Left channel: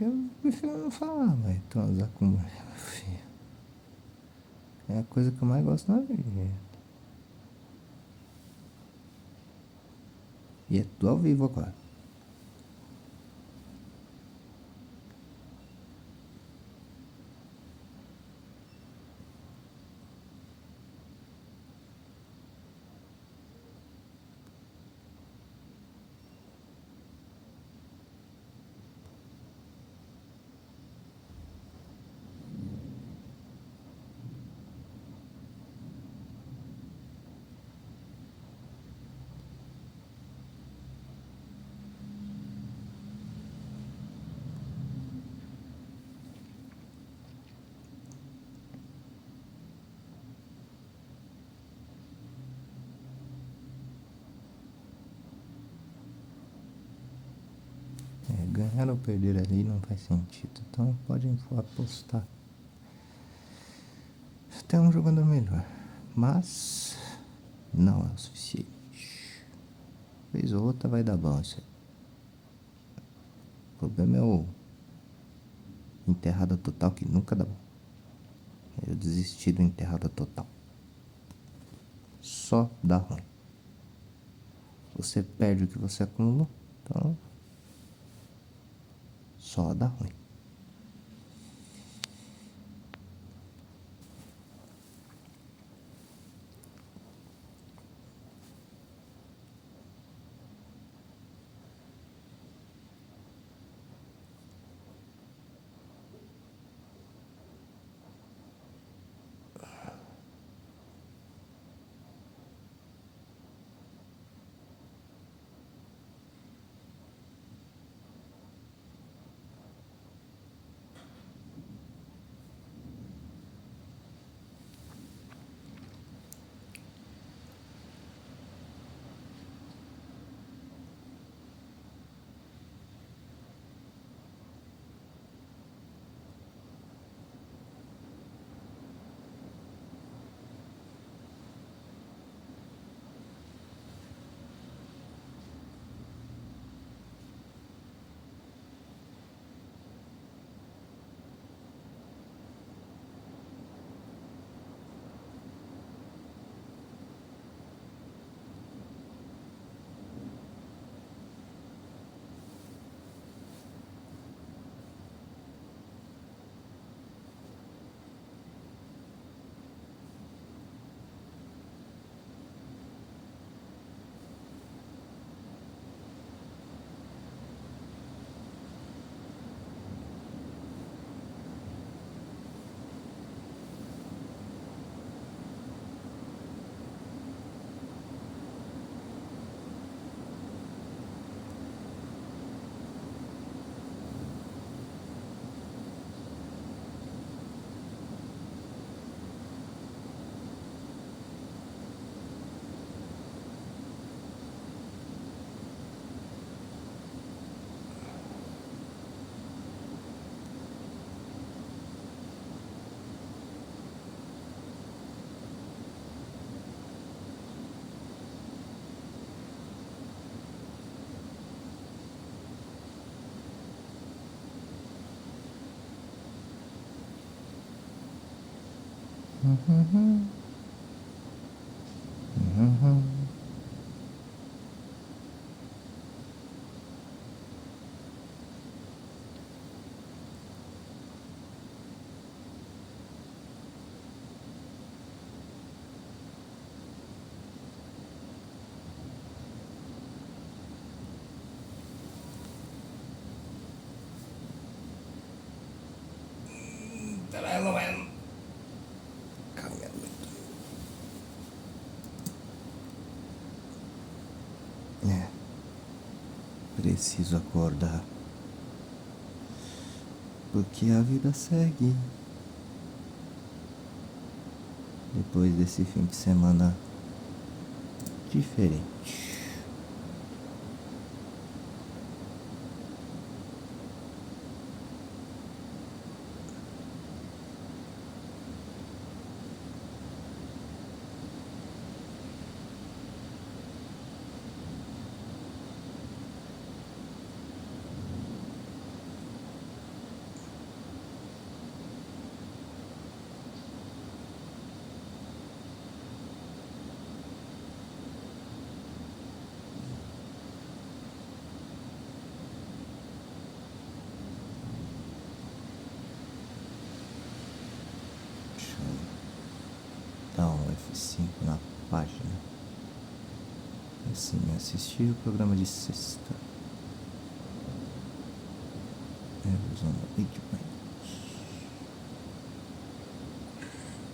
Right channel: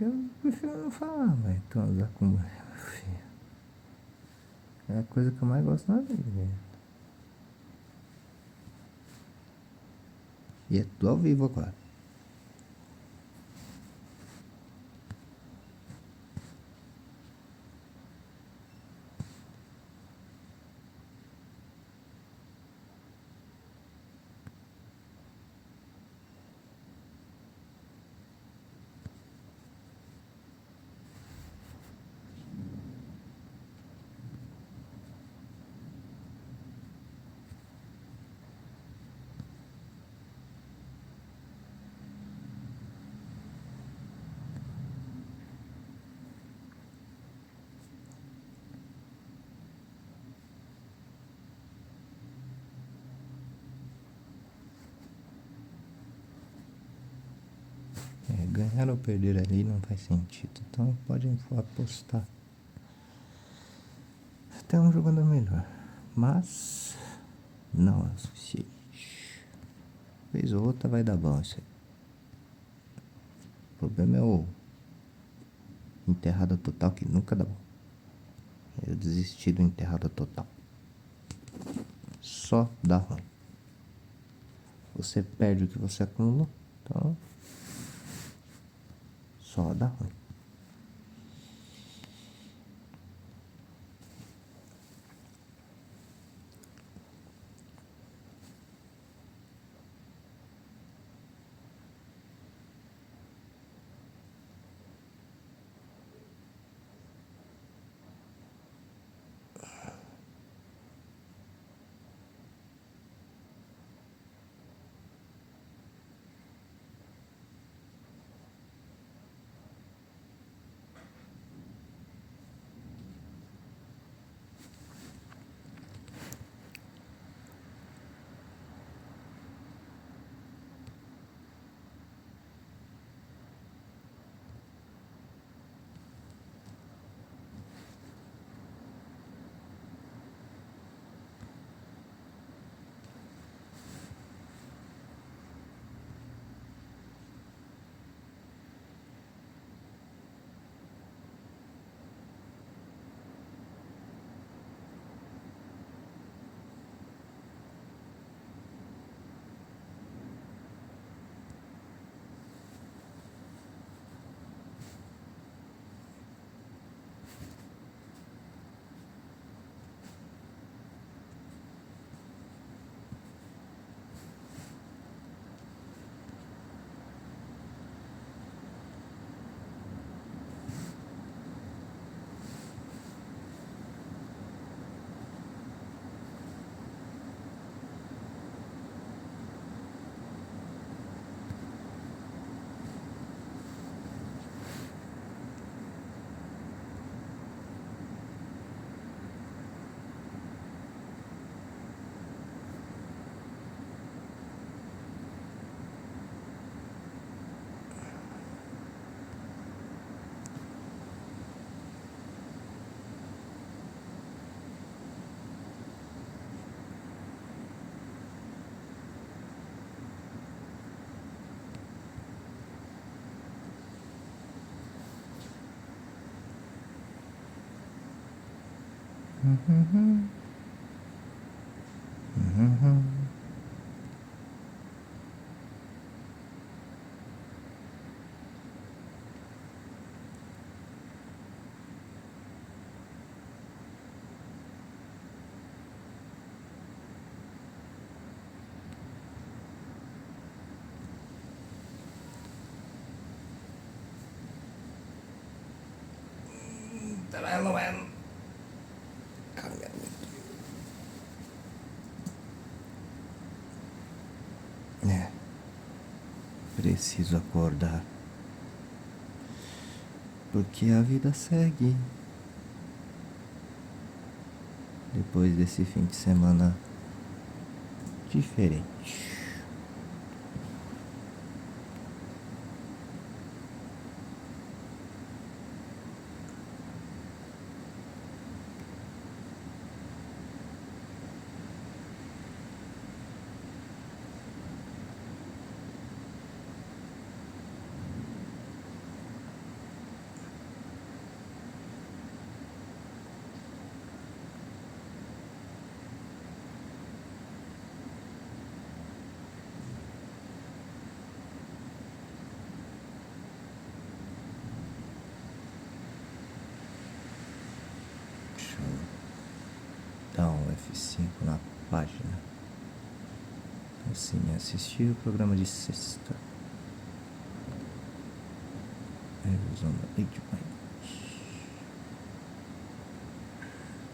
Eu prefiro não falar, vai transar com mulher, meu filho. É a coisa que eu mais gosto na vida. E é tudo ao vivo agora. Ganhar ou perder ali não faz sentido. Então pode apostar. Tem um jogador melhor. Mas não é o suficiente. Vez ou outra vai dar bom isso aí. O problema é o enterrada total que nunca dá bom. Eu desisti do enterrada total. Só dá ruim. Você perde o que você acumulou. Então só dá ruim. É, preciso acordar. Porque a vida segue. Depois desse fim de semana diferente. F5 na página. Assim, assistir o programa de sexta. Revisão da Big Bang.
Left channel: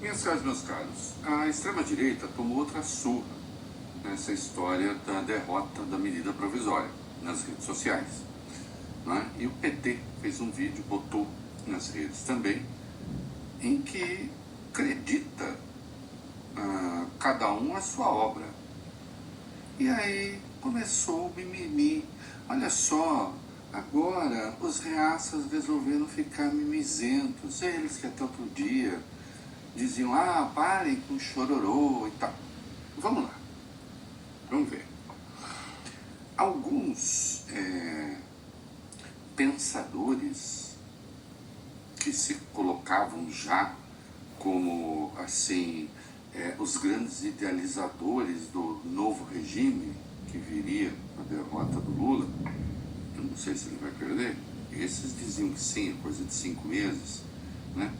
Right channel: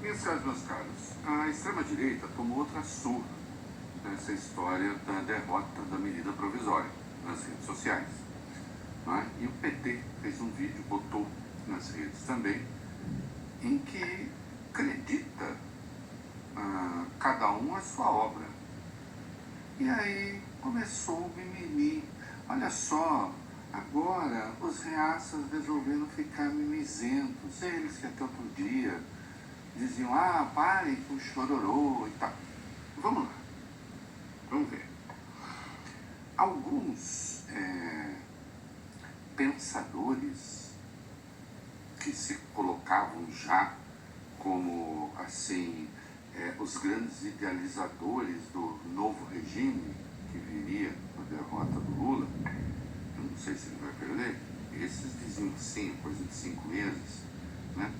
Minhas caras, meus caros, a extrema-direita tomou outra surra nessa história da derrota da medida provisória nas redes sociais. Né? E o PT fez um vídeo, botou nas redes também, em que acredita cada um a sua obra. E aí começou o mimimi. Olha só, agora os reaças resolveram ficar mimizentos. Eles que até outro dia diziam, parem com chororô e tal. Vamos lá, vamos ver. Alguns pensadores que se colocavam já como, assim, os grandes idealizadores do novo regime que viria com a derrota do Lula, eu não sei se ele vai perder, esses diziam que sim, coisa de 5 meses, né?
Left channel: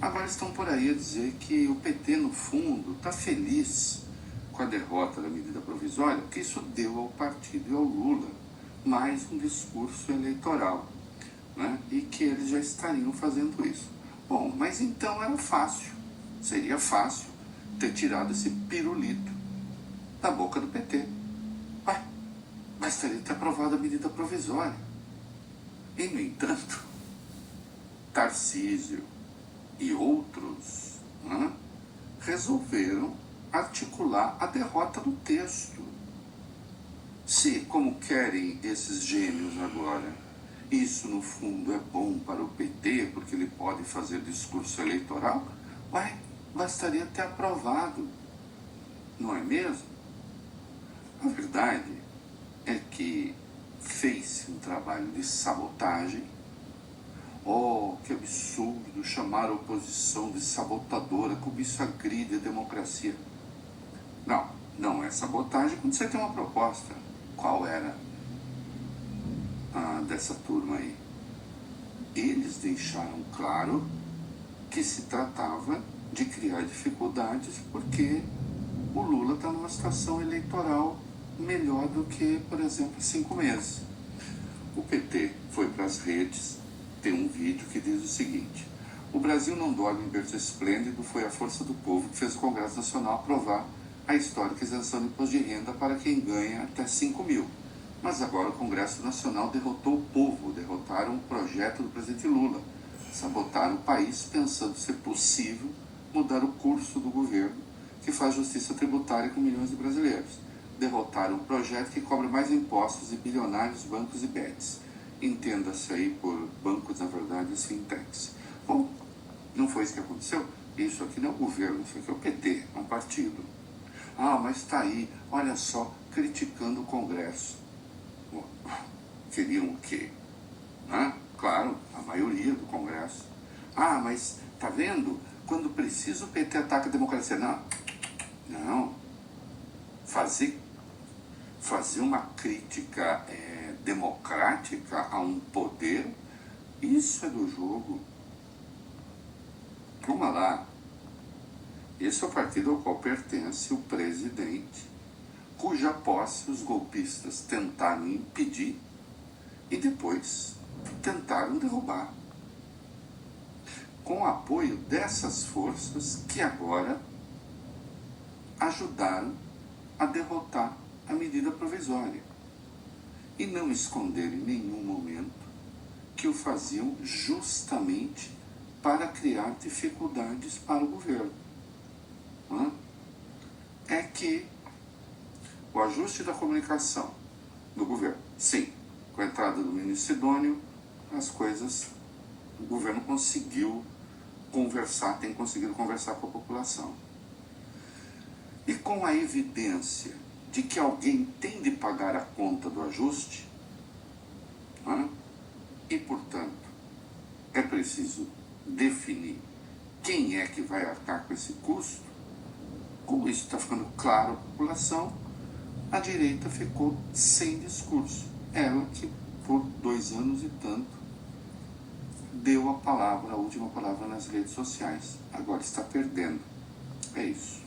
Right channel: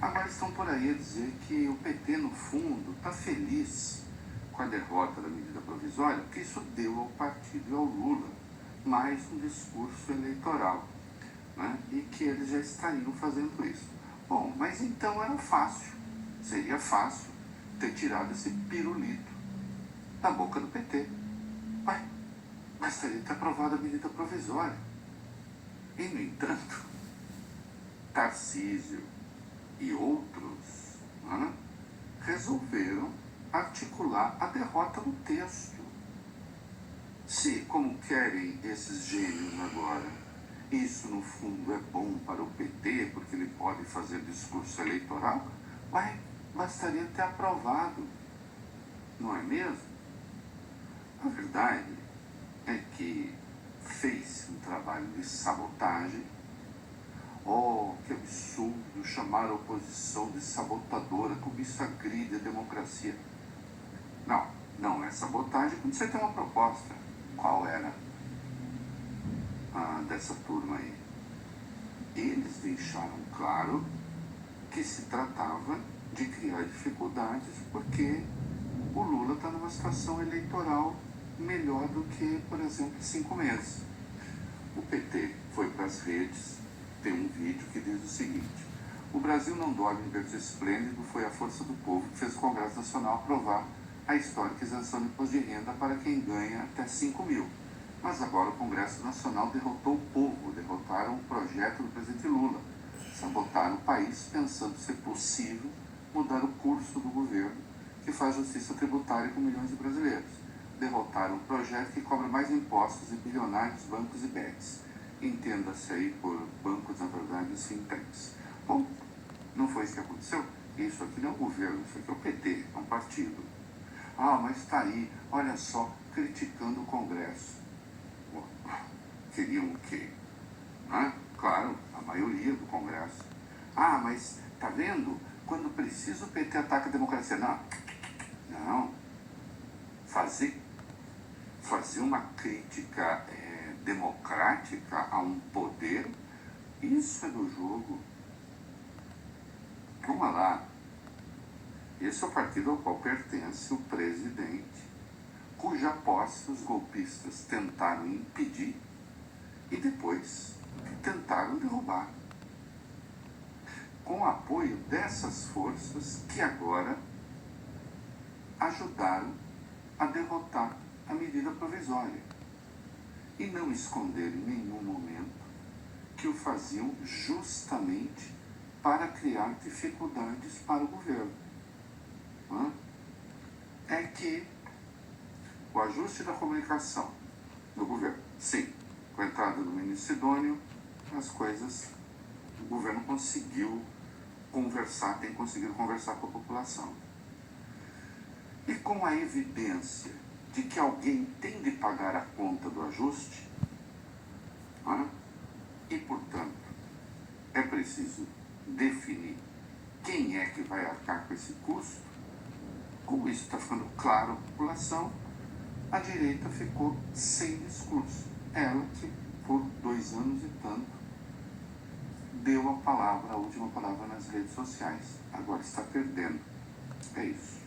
Agora estão por aí a dizer que o PT, no fundo, está feliz com a derrota da medida provisória, porque isso deu ao partido e ao Lula mais um discurso eleitoral, né? E que eles já estariam fazendo isso. Bom, mas então era fácil, seria fácil ter tirado esse pirulito da boca do PT. Bastaria ter aprovado a medida provisória. E, no entanto, Tarcísio e outros, né, resolveram articular a derrota do texto. Se, como querem esses gênios agora, isso no fundo é bom para o PT, porque ele pode fazer discurso eleitoral, bastaria ter aprovado, não é mesmo? A verdade é que fez um trabalho de sabotagem. Oh, que absurdo chamar a oposição de sabotadora, como isso agride a democracia. Não é sabotagem quando você tem uma proposta. Qual era dessa turma aí? Eles deixaram claro que se tratava de criar dificuldades porque o Lula está numa situação eleitoral melhor do que, por exemplo, 5 meses. O PT foi para as redes, tem um vídeo que diz o seguinte: o Brasil não dorme em berço esplêndido, foi a força do povo que fez o Congresso Nacional aprovar a histórica isenção de imposto de renda para quem ganha até 5 mil. Mas agora o Congresso Nacional derrotou o povo, derrotaram o projeto do presidente Lula, sabotaram o país pensando ser possível mudar o curso do governo que faz justiça tributária com milhões de brasileiros. Derrotaram o projeto que cobra mais impostos de bilionários, bancos e bets. Entenda-se aí por bancos, na verdade, as fintechs. Bom, não foi isso que aconteceu? Isso aqui não é um governo, isso aqui é o PT, é um partido. Mas está aí, olha só, criticando o Congresso. Bom, queriam o quê? Claro, a maioria do Congresso. Mas tá vendo? Quando precisa o PT ataca a democracia. Não. Fazer uma crítica democrática a um poder, isso é do jogo. Vamos lá. Esse é o partido ao qual pertence o presidente, cuja posse os golpistas tentaram impedir e depois tentaram derrubar, com o apoio dessas forças que agora ajudaram a derrotar a medida provisória e não esconder em nenhum momento que o faziam justamente para criar dificuldades para o governo. É que o ajuste da comunicação do governo, sim, com a entrada do ministro Sidônio, as coisas, o governo conseguiu conversar, tem conseguido conversar com a população. E com a evidência de que alguém tem de pagar a conta do ajuste, e, portanto, é preciso definir quem é que vai arcar com esse custo. Como isso está ficando claro à população, a direita ficou sem discurso. Ela que, por 2 anos e tanto, deu a última palavra nas redes sociais. Agora está perdendo. É isso.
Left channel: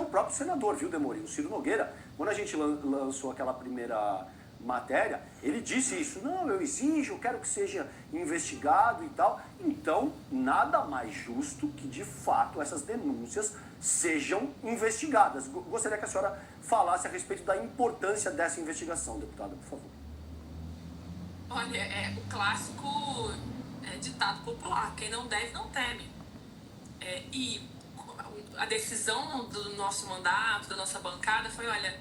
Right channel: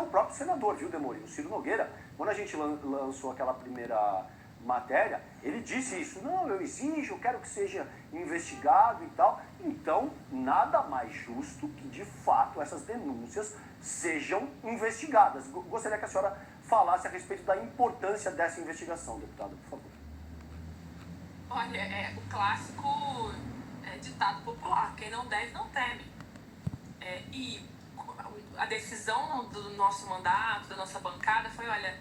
até o próprio senador, viu, Demorim? O Ciro Nogueira, quando a gente lançou aquela primeira matéria, ele disse isso: não, eu exijo, eu quero que seja investigado e tal. Então, nada mais justo que, de fato, essas denúncias sejam investigadas. Gostaria que a senhora falasse a respeito da importância dessa investigação, deputada, por favor. Olha, é o clássico ditado popular: quem não deve, não teme. E a decisão do nosso mandato, da nossa bancada, foi: olha,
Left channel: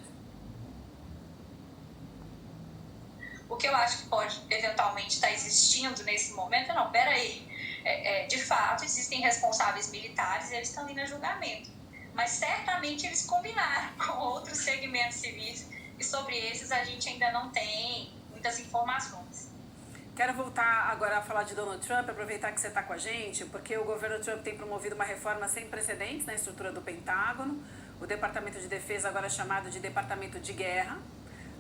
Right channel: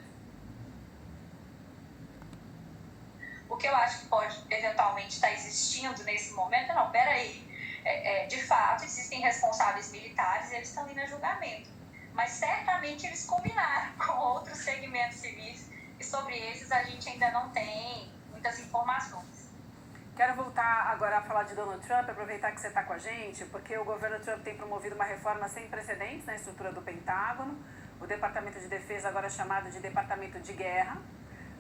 o que eu acho que pode eventualmente estar existindo nesse momento, não, peraí, de fato existem responsáveis militares e eles estão indo a julgamento, mas certamente eles combinaram com outros segmentos civis e sobre esses a gente ainda não tem muitas informações. Quero voltar agora a falar de Donald Trump, aproveitar que você está com a gente, porque o governo Trump tem promovido uma reforma sem precedentes na estrutura do Pentágono. O Departamento de Defesa agora é chamado de Departamento de Guerra.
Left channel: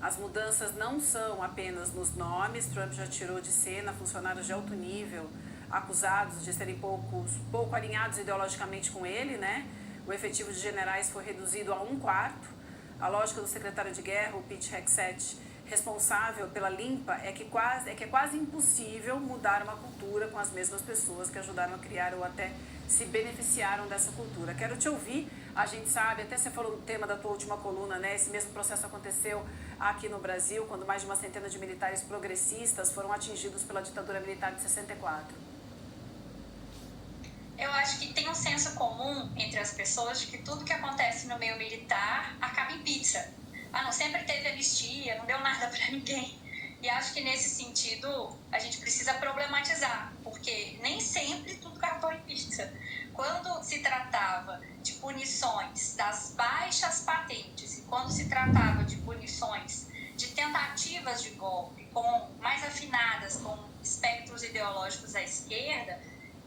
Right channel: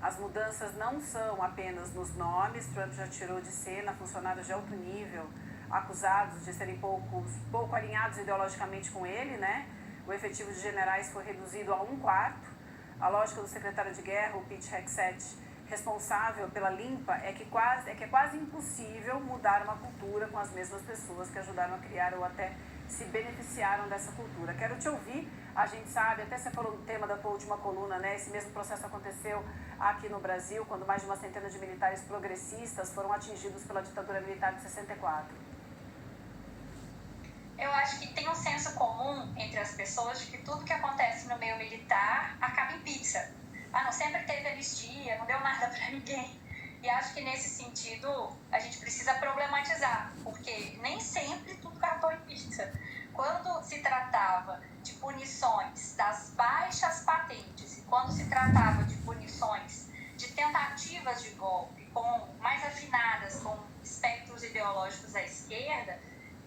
As mudanças não são apenas nos nomes. Trump já tirou de cena funcionários de alto nível acusados de serem pouco alinhados ideologicamente com ele, né? O efetivo de generais foi reduzido a 1/4. A lógica do secretário de guerra, o Pete Hegseth, responsável pela limpa, é que é quase impossível mudar uma cultura com as mesmas pessoas que ajudaram a criar ou até se beneficiaram dessa cultura. Quero te ouvir. A gente sabe, até você falou no tema da tua última coluna, né? Esse mesmo processo aconteceu aqui no Brasil, quando mais de uma centena de militares progressistas foram atingidos pela ditadura militar de 64. Eu acho que tem um senso comum entre as pessoas de que tudo que acontece no meio militar acaba em pizza. Não sempre teve anistia, não deu nada para ninguém. E acho que nesse sentido a gente precisa problematizar, porque nem sempre tudo acabou em pizza. Quando se tratava de punições das baixas patentes e quando se tratava de punições de tentativas de golpe mais afinadas com espectros ideológicos à esquerda,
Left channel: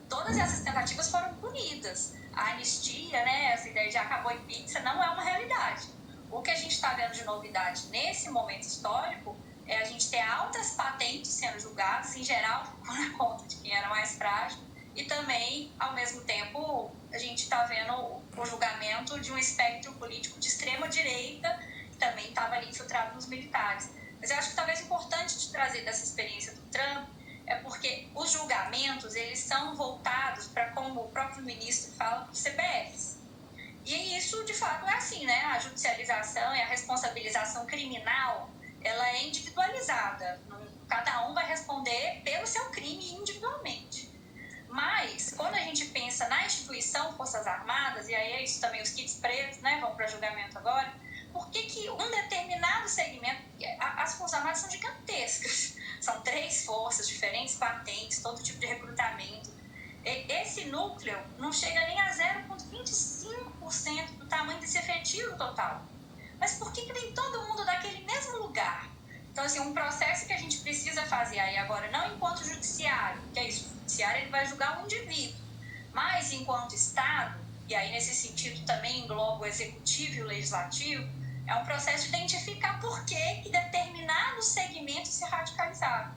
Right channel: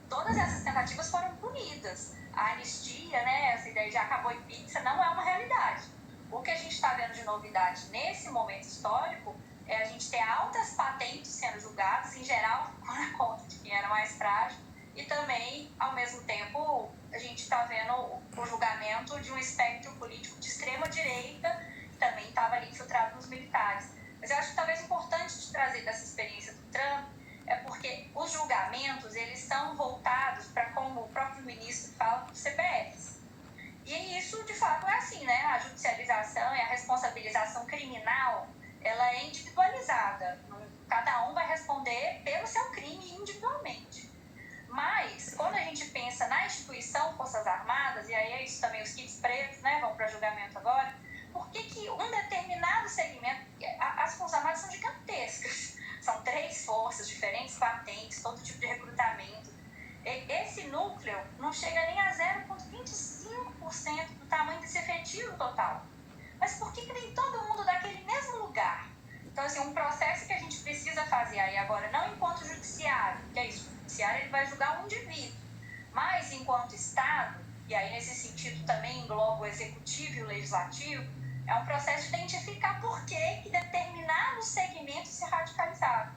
todas essas tentativas foram punidas. A anistia, né, essa ideia de acabou em pizza, não é uma realidade. O que a gente está vendo de novidade nesse momento histórico é a gente ter altas patentes sendo julgadas, em geral, por conta de quem era mais frágil, e também, ao mesmo tempo, a gente está vendo o julgamento de um espectro político de extrema-direita, que também estava ali infiltrado nos militares. Mas eu acho que talvez importante de trazer dessa experiência do Trump é porque os julgamentos, eles são voltados para, como o próprio ministro fala, os CPFs. E isso, de fato, é assim, né? A judicialização e a responsabilização criminal, ela é individualizada. Cada um vai responder pelo seu crime individualmente. Mas, quando a gente pensa na instituição Forças Armadas, e aí é isso também, os kits pretos, né, vão para julgamento agora, por que um determinado segmento, as Forças Armadas são gigantescas, são 3 forças, diferentes patentes, todo tipo de recrutamento. Esse núcleo não chega nem a 0,25% do tamanho desse efetivo total. Mas por que vem todo mundo daquele mesmo lugar? Então, assim, um processo que a gente precisa fazer aí agora, não enquanto judiciário, que é isso, o judiciário ele vai julgar um indivíduo, mas enquanto Estado, e aí nesse sentido também engloba o executivo e o legislativo, é um processo de identificar por que determinados segmentos se radicalizaram.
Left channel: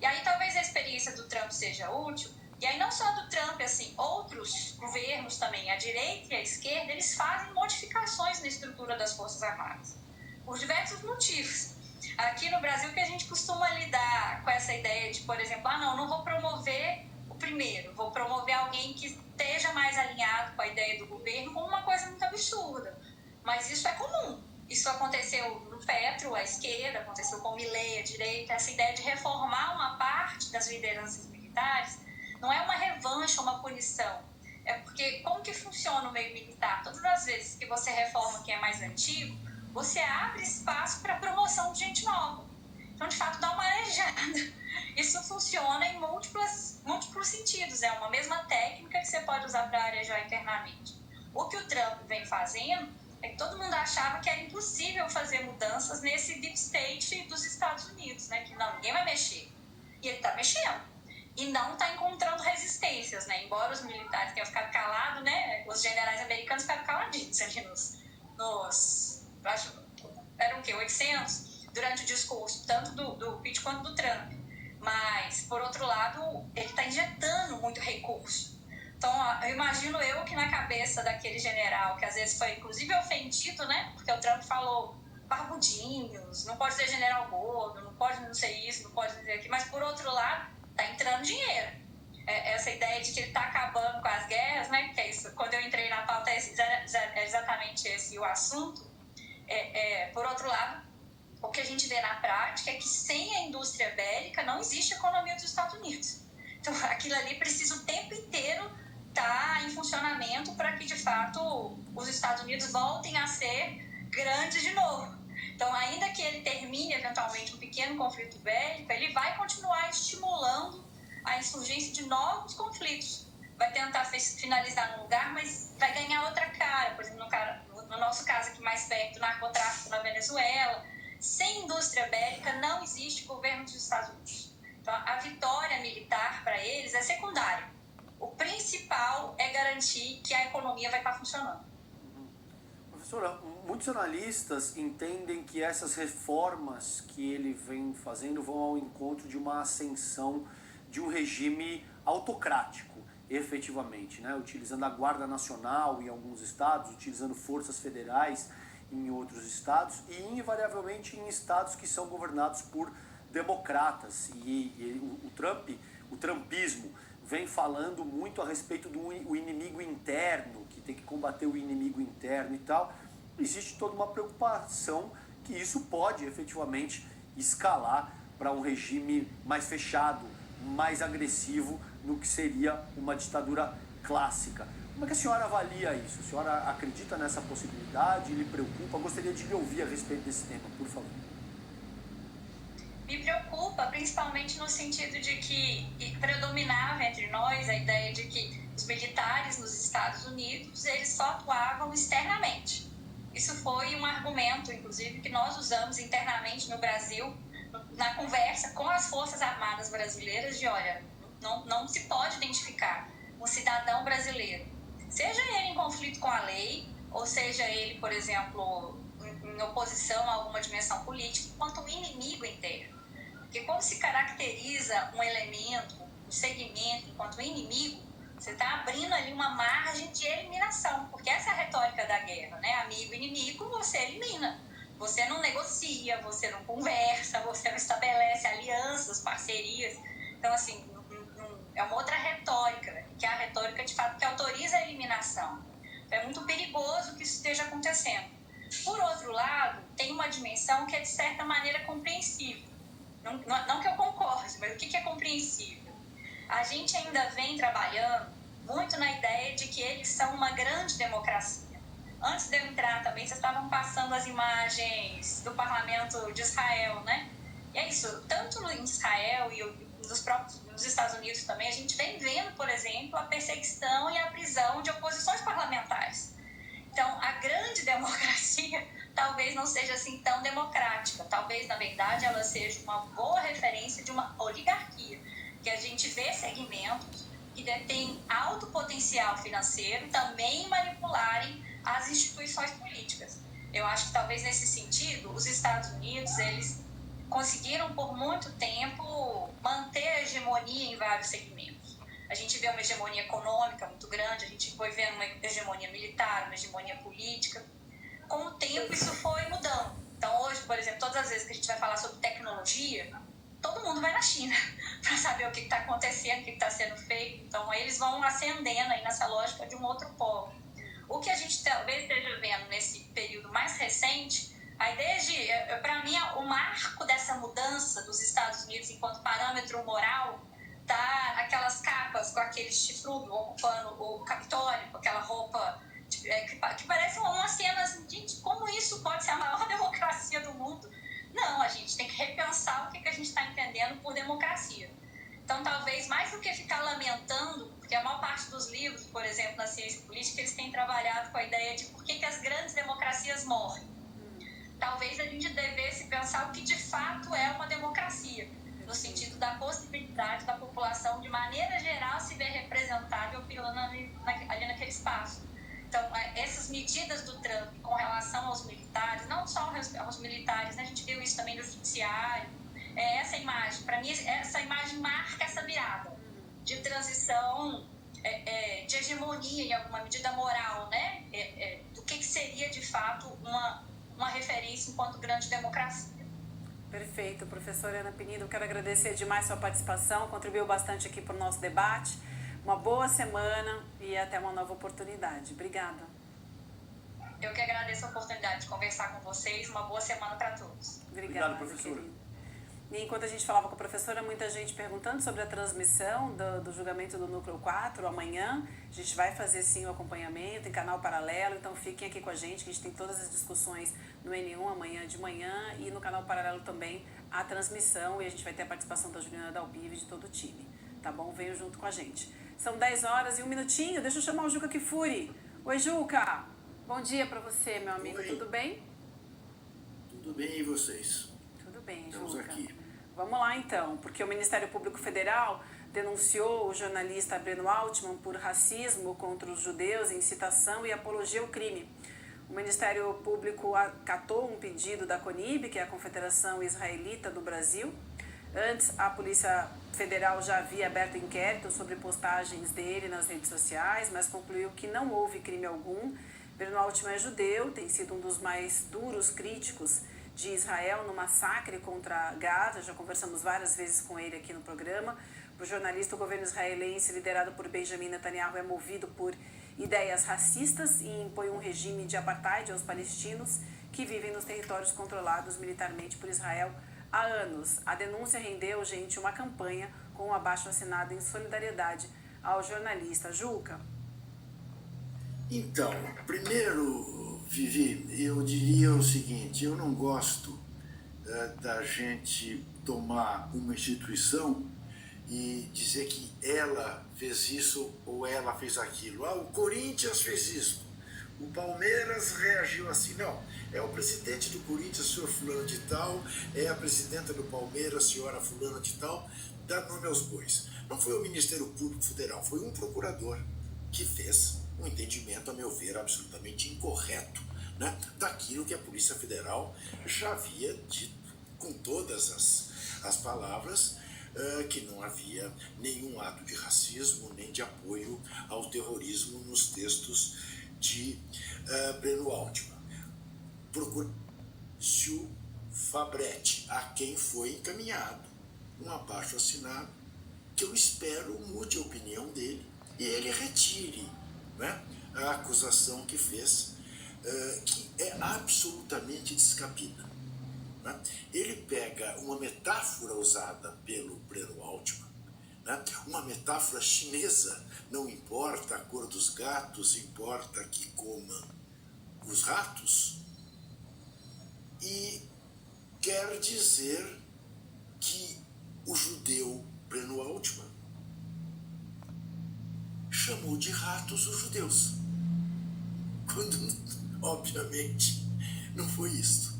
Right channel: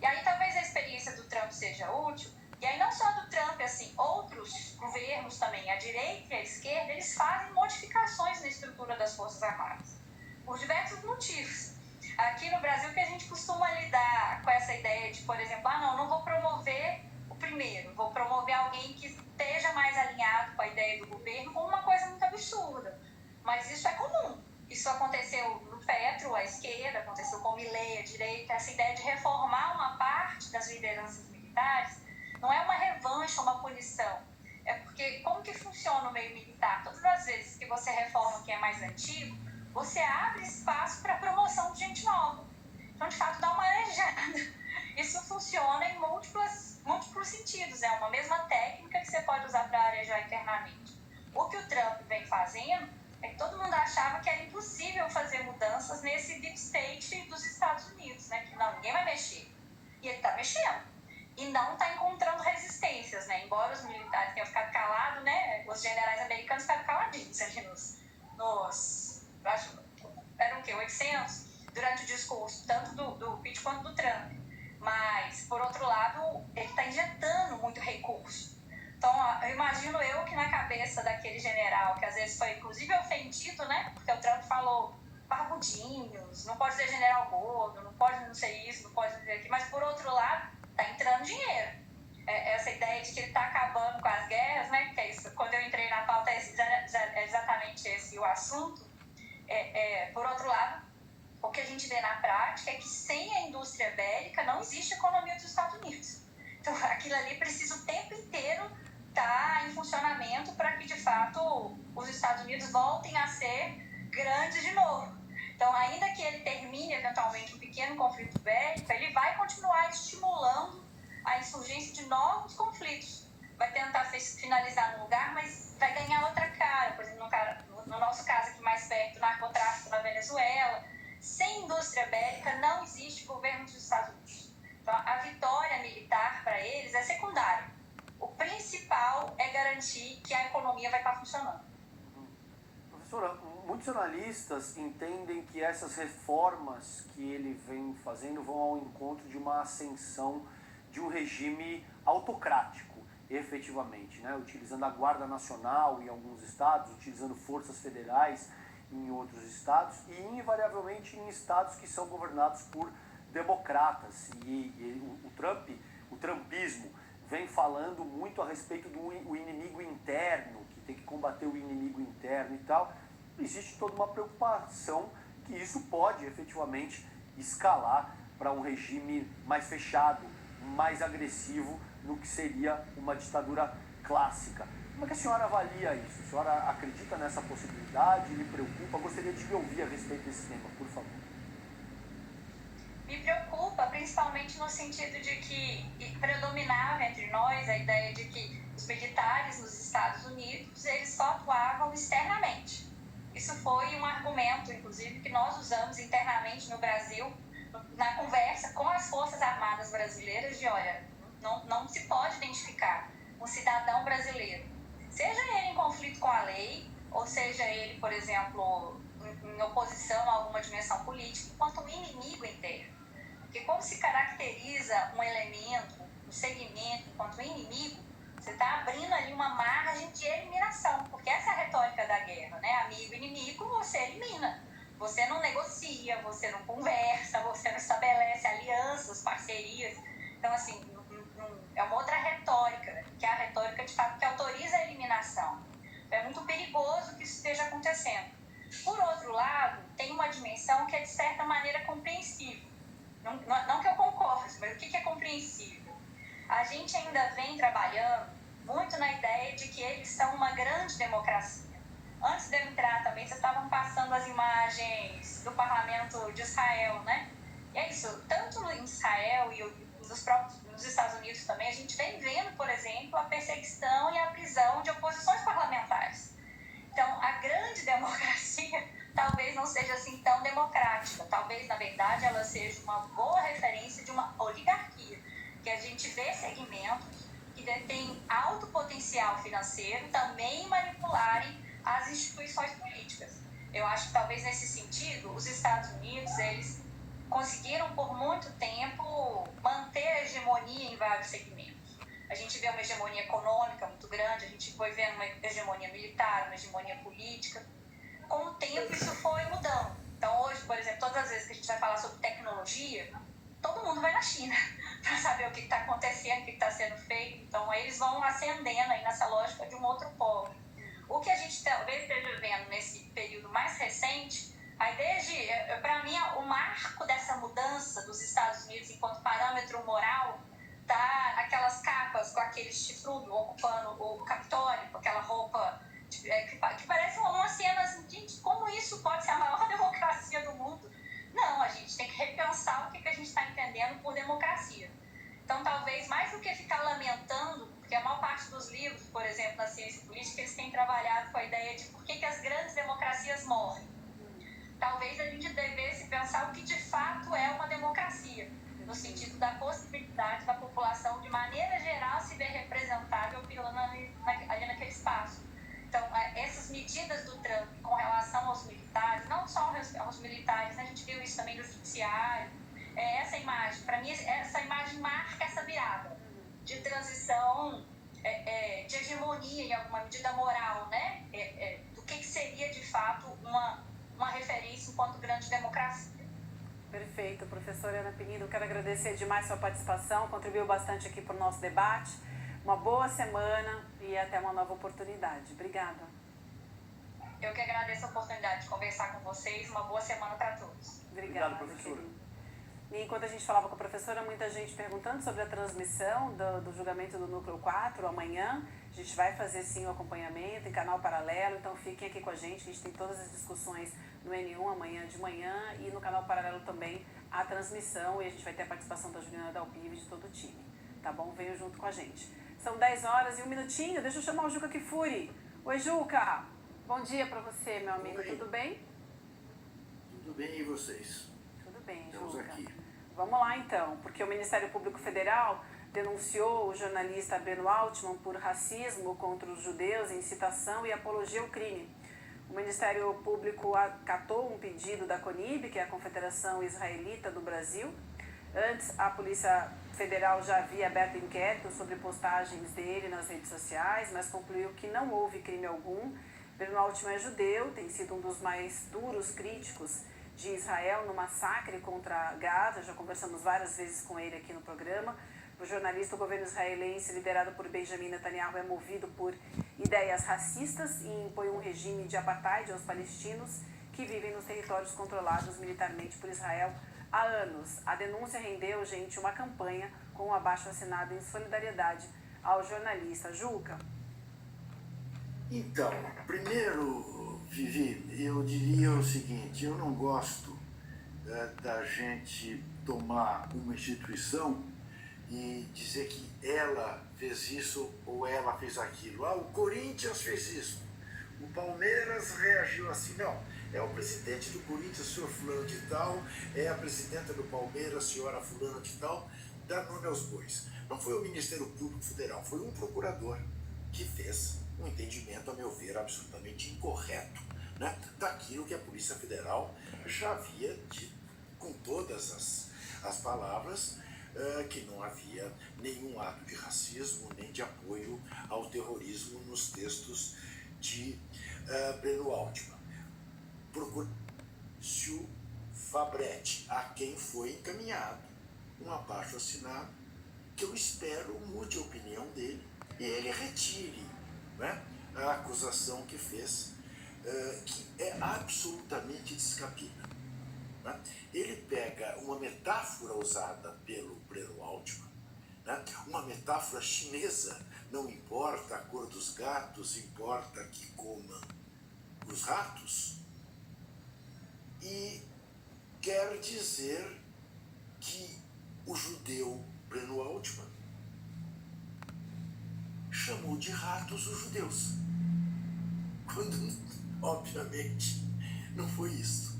E aí talvez a experiência do Trump seja útil, e aí não só do Trump, assim, outros governos também, a direita e a esquerda, eles fazem modificações na estrutura das Forças Armadas, por diversos motivos. Aqui no Brasil que a gente costuma lidar com essa ideia de, por exemplo, não vou promover o primeiro, vou promover alguém que esteja mais alinhado com a ideia do governo, como uma coisa muito absurda. Mas isso é comum. Isso aconteceu no Petro, a esquerda, aconteceu com o Milei, a direita, essa ideia de reformar uma parte das lideranças militares não é uma revanche, uma punição. É porque como que funciona o meio militar? Todas as vezes que você reforma quem é mais antigo, você abre espaço para a promoção de gente nova. Então, de fato, dá uma arejada. Isso funciona em múltiplos sentidos. É uma mesma técnica que você pode usar para arejar internamente. O que o Trump vem fazendo é que todo mundo achava que era impossível fazer mudanças nesse deep state dos Estados Unidos, né? Que ninguém vai mexer. E ele está mexendo. E não está encontrando resistências, né? Embora os militares tenham ficado calados, né? Os generais americanos ficaram caladinhos ali eram o quê? 800? Durante o discurso, tanto do Pete quanto do Trump. Mas, por outro lado, ele está injetando muito recurso. Então, eu imagino que na cabeça daquele general, que às vezes foi inclusive ofendido, né? Porque o Trump falou barbudinhos, não pode ser general gordo, não pode não ser isso, não pode dizer aquilo, mas por outro lado, tá entrando dinheiro. Essa ideia de que ele está acabando com as guerras, né? Porque é isso, quando eu entrei na pauta, é exatamente esse o assunto. Por outro lado, o que a gente vê na prática é que sem a indústria bélica não existe economia dos Estados Unidos. Então, aquilo ali precisa o tempo inteiro estar em funcionamento para que, de fato, os Estados Unidos voltem a ser grandes de novo. Então, ainda que ele termine, eventualmente, um pequeno conflito bélico, ele vai continuar estimulando a insurgência de novos conflitos. Vai tentar finalizar num lugar, mas vai ganhar outra cara. Por exemplo, no nosso caso aqui mais perto, narcotráfico na Venezuela. Sem indústria bélica não existe governo dos Estados Unidos. Então, a vitória militar para eles é secundária. O principal é garantir que a economia vai estar funcionando. Professora, muitos analistas entendem que essas reformas que ele vem fazendo vão ao encontro de uma ascensão de um regime autocrático, efetivamente, né? Utilizando a Guarda Nacional em alguns estados, utilizando forças federais em outros estados e invariavelmente em estados que são governados por democratas. E o trumpismo vem falando muito a respeito do inimigo interno, que tem que combater o inimigo interno e tal. Existe toda uma preocupação que isso pode efetivamente escalar para um regime mais fechado, mais agressivo, no que seria uma ditadura clássica. Como é que a senhora avalia isso? A senhora acredita nessa possibilidade? Lhe preocupa? Gostaria de lhe ouvir a respeito desse tema, por favor. Me preocupa, principalmente no sentido de que predominava entre nós a ideia de que os militares nos Estados Unidos, eles só atuavam externamente. Isso foi um argumento, inclusive, que nós usamos internamente no Brasil, na conversa com as Forças Armadas brasileiras, de olha, não se pode identificar um cidadão brasileiro, seja ele em conflito com a lei, ou seja ele, por exemplo, em oposição a alguma dimensão política, enquanto um inimigo interno. Porque quando se caracteriza um elemento, um segmento enquanto inimigo, você está abrindo ali uma margem de eliminação, porque essa é a retórica da guerra, né? Amigo e inimigo, você elimina. Você não negocia, você não conversa, você não estabelece alianças, parcerias. Então, assim, é uma outra retórica, que é a retórica, de fato, que autoriza a eliminação. Então, é muito perigoso que isso esteja acontecendo. Por outro lado, tem uma dimensão que é, de certa maneira, compreensível. Não que eu concorde, mas o que é compreensível? A gente ainda vem trabalhando muito na ideia de que eles são uma grande democracia. Antes de eu entrar também, vocês estavam passando as imagens do parlamento de Israel, né? E é isso, tanto em Israel e nos Estados Unidos também, a gente vem vendo, por exemplo, a perseguição e a prisão de oposições parlamentares. Então, a grande democracia talvez não seja assim tão democrática. Talvez, na verdade, ela seja uma boa referência de uma oligarquia, que a gente vê segmentos que têm alto potencial financeiro também manipularem as instituições políticas. Eu acho que talvez nesse sentido, os Estados Unidos, eles conseguiram por muito tempo manter a hegemonia em vários segmentos. A gente vê uma hegemonia econômica muito grande, a gente foi vendo uma hegemonia militar, uma hegemonia política. Com o tempo isso foi mudando. Então hoje, por exemplo, todas as vezes que a gente vai falar sobre tecnologia, todo mundo vai na China para saber o que está acontecendo, o que está sendo feito. Então eles vão ascendendo aí nessa lógica de um outro polo. O que a gente talvez esteja vendo nesse período mais recente, a ideia de, para mim, o marco dessa mudança dos Estados Unidos enquanto parâmetro moral tá aquelas capas com aquele chifrudo ocupando o Capitólio, com aquela roupa que parece uma cena assim, gente, como isso pode ser a maior democracia do mundo? Não, a gente tem que repensar o que a gente está entendendo por democracia. Então, talvez, mais do que ficar lamentando, porque a maior parte dos livros, por exemplo, na ciência política, eles têm trabalhado com a ideia de por que as grandes democracias morrem. Talvez a gente devesse pensar o que de fato é uma democracia, no sentido da possibilidade da população, de maneira geral, se ver representável ali naquele espaço. Então, essas medidas do Trump com relação aos militares, não só aos militares, né? A gente viu isso também no judiciário, essa imagem, para mim, essa imagem marca essa virada de transição de hegemonia, em alguma medida moral, né? Do que seria, de fato, uma referência enquanto grande democracia. Perfeito, professora Ana Penido, quero agradecer demais sua participação, contribuiu bastante aqui para o nosso debate. Uma boa semana e até uma nova oportunidade. Obrigada. Eu que agradeço a oportunidade de conversar com vocês. Uma boa semana para todos. Obrigada, professora. querido. E enquanto a gente falava com a professora, muita gente perguntando sobre a transmissão do julgamento do Núcleo 4 amanhã. A gente vai fazer sim o acompanhamento em canal paralelo, então fiquem aqui com a gente tem todas as discussões no N1 amanhã de manhã e no canal paralelo também a transmissão e a gente vai ter a participação da Juliana Dalpive e de todo o time, tá bom? Venham junto com a gente. São 10 horas e 1 minutinho, deixa eu chamar o Juca Kifuri. Oi, Juca! Bom dia pra você, meu amigo, Oi. tudo bem? Tudo bem, e vocês? Tudo bem, Estamos Juca. aqui. Vamos lá então, porque o Ministério Público Federal denunciou o jornalista Breno Altman por racismo contra os judeus, incitação e apologia ao crime. O Ministério Público acatou um pedido da CONIB, que é a Confederação Israelita do Brasil. Antes, a Polícia Federal já havia aberto inquérito sobre postagens dele nas redes sociais, mas concluiu que não houve crime algum. Breno Altman é judeu, tem sido um dos mais duros críticos de Israel no massacre contra Gaza, já conversamos várias vezes com ele aqui no programa. O jornalista, o governo israelense, liderado por Benjamin Netanyahu, é movido por ideias racistas e impõe um regime de apartheid aos palestinos que vivem nos territórios controlados militarmente por Israel há anos. A denúncia rendeu, gente, uma campanha com um abaixo-assinado em solidariedade ao jornalista. Juca. Então, primeiro, Vivi, eu diria o seguinte, eu não gosto da gente tomar uma instituição e dizer que ela fez isso ou ela fez aquilo. Ah, o Corinthians fez isso, o Palmeiras reagiu assim. Não, é o presidente do Corinthians, senhor fulano de tal, é a presidenta do Palmeiras, senhora fulano de tal, dá nome aos bois. Não foi o Ministério Público Federal, foi um procurador que fez um entendimento, a meu ver, absolutamente incorreto, né, daquilo que a Polícia Federal já havia dito com todas as palavras, que não havia nenhum ato de racismo nem de apoio ao terrorismo nos textos de Breno Altman. Procura-se Fabretti, a quem foi encaminhado um abaixo-assinado, que eu espero mude a opinião dele e ele retire, né, a acusação que fez, que é absolutamente descabida. Né? Ele pega uma metáfora usada pelo Breno Altman, né, uma metáfora chinesa, não importa a cor dos gatos, importa que comam os ratos, e quer dizer que o judeu Breno Altman chamou de ratos os judeus, quando, obviamente, não foi isso.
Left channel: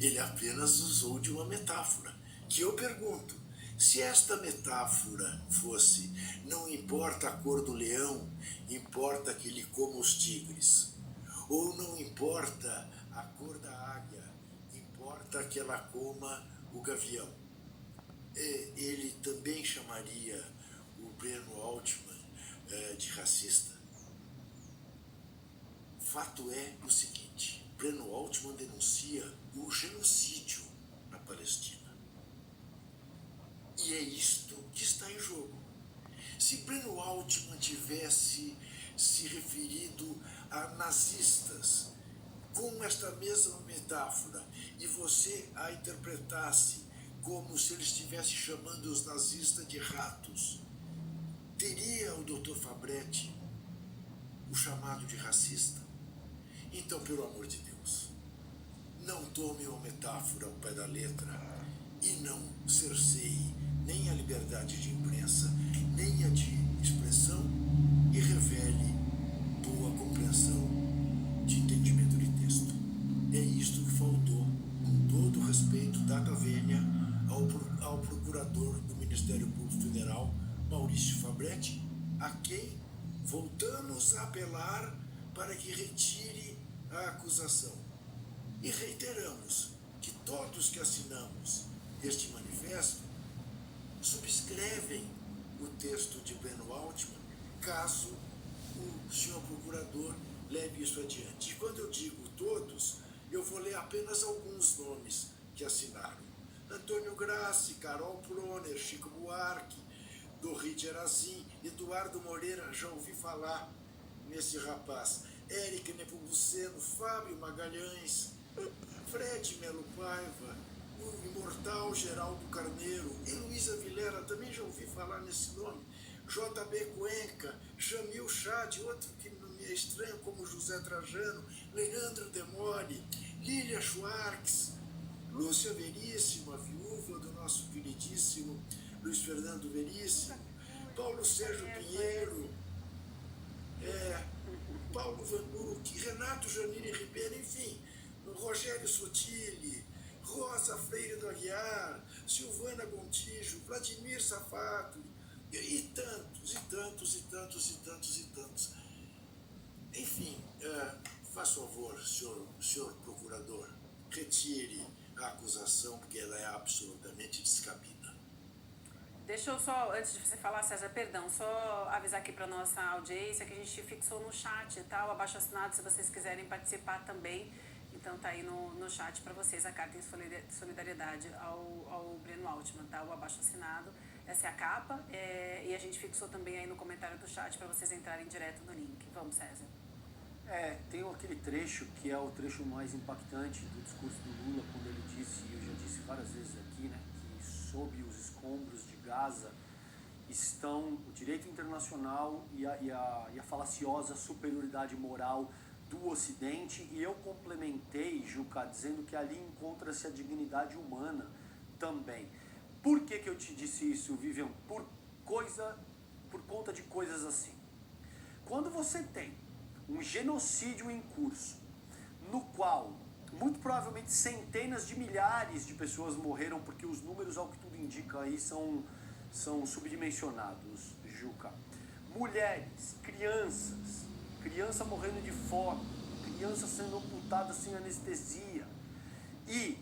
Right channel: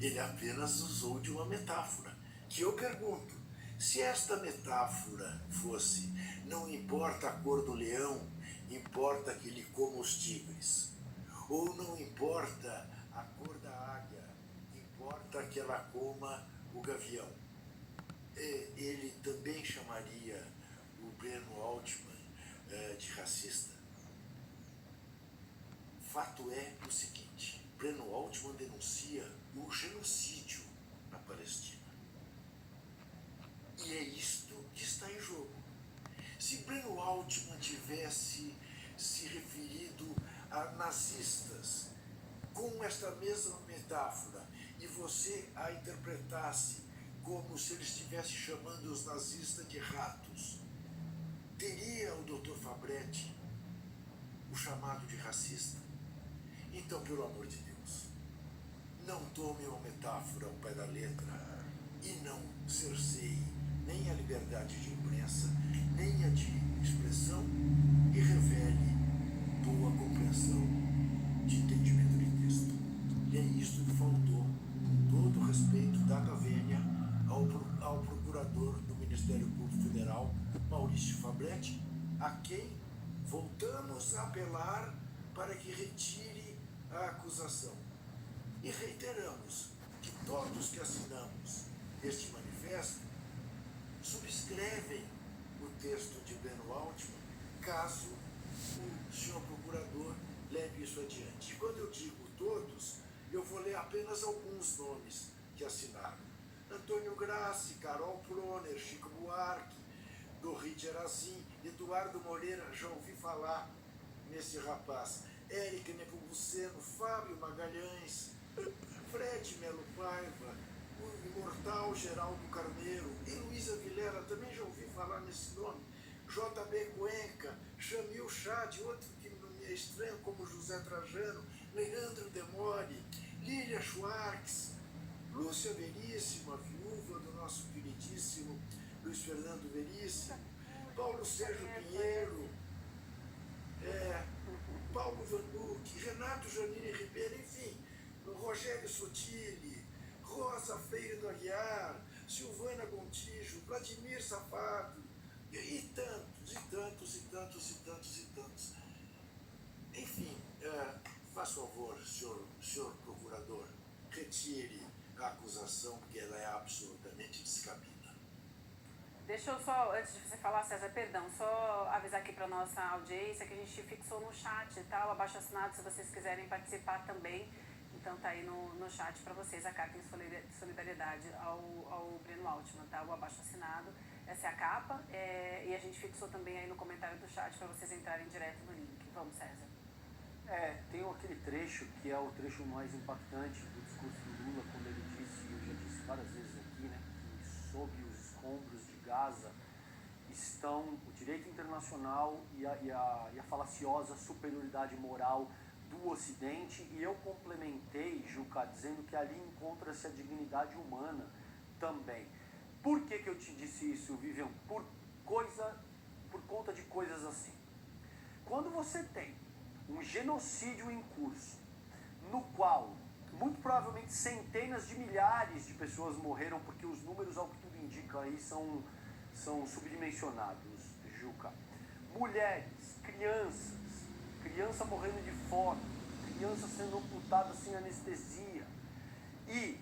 Ele apenas usou de uma metáfora, que eu pergunto, se esta metáfora fosse, não importa a cor do leão, importa que ele coma os tigres, ou não importa a cor da águia, importa que ela coma o gavião, ele também chamaria o Breno Altman de racista? Fato é o seguinte, Breno Altman denuncia o genocídio na Palestina. E é isto que está em jogo. Se Breno Altman tivesse se referido a nazistas com esta mesma metáfora e você a interpretasse como se ele estivesse chamando os nazistas de ratos, teria o Dr. Fabretti o chamado de racista? Então, pelo amor de Deus, não tome uma metáfora ao pé da letra e não cerceie nem a liberdade de imprensa, nem a de expressão e revele boa compreensão de entendimento de texto. É isto que faltou, com todo o respeito, data vênia, ao procurador do Ministério Público Federal, Maurício Fabretti, a quem voltamos a apelar para que retire a acusação. E reiteramos que todos que assinamos este manifesto subscrevem o texto de Breno Altman, caso que assinaram. Antônio Grassi, Carol Proner, Chico Buarque, Dorrit Erazim, Eduardo Moreira, já ouvi falar nesse rapaz, Érica Nepomuceno, Fábio Magalhães, Fred Melo Paiva, o imortal Geraldo Carneiro, Heloísa Vilera, também já ouvi falar nesse nome, J.B. Cuenca, Jamil Chad, outro que não me é estranho, como José Trajano, Leandro Demore, Lília Schwartz, Lúcia Veríssimo, a viúva do nosso queridíssimo Luiz Fernando Veríssimo, Paulo Sérgio Pinheiro, Paulo Vanucci, Renato Janine Ribeiro, enfim, Rogério Sotile, Rosa Freire do Aguiar, Silvana Gontijo, Vladimir Safato, e tantos, e tantos, e tantos, e tantos, e tantos. Enfim, faça favor, senhor procurador, retire a acusação, porque ela é absolutamente descabida. Deixa eu só, antes de você falar, César, perdão, só avisar aqui para nossa audiência que a gente fixou no chat, tá? O abaixo assinado, se vocês quiserem participar também. Então tá aí no chat para vocês a carta em solidariedade ao Breno Altman, tá? O abaixo assinado, essa é a capa, e a gente fixou também aí no comentário do chat para vocês entrarem direto no link. Vamos, César. Tem aquele trecho que é o trecho mais impactante do discurso do Lula, quando ele disse, e eu já disse várias vezes aqui, né, que sob os escombros de Gaza estão o direito internacional e a falaciosa superioridade moral do Ocidente, e eu complementei, Juca, dizendo que ali encontra-se a dignidade humana também. Por que eu te disse isso, Vivian? Por conta de coisas assim. Quando você tem um genocídio em curso, no qual muito provavelmente centenas de milhares de pessoas morreram, porque os números, ao que tudo indica, aí são subdimensionados, Juca. Mulheres, criança morrendo de fome, criança sendo amputada sem anestesia. E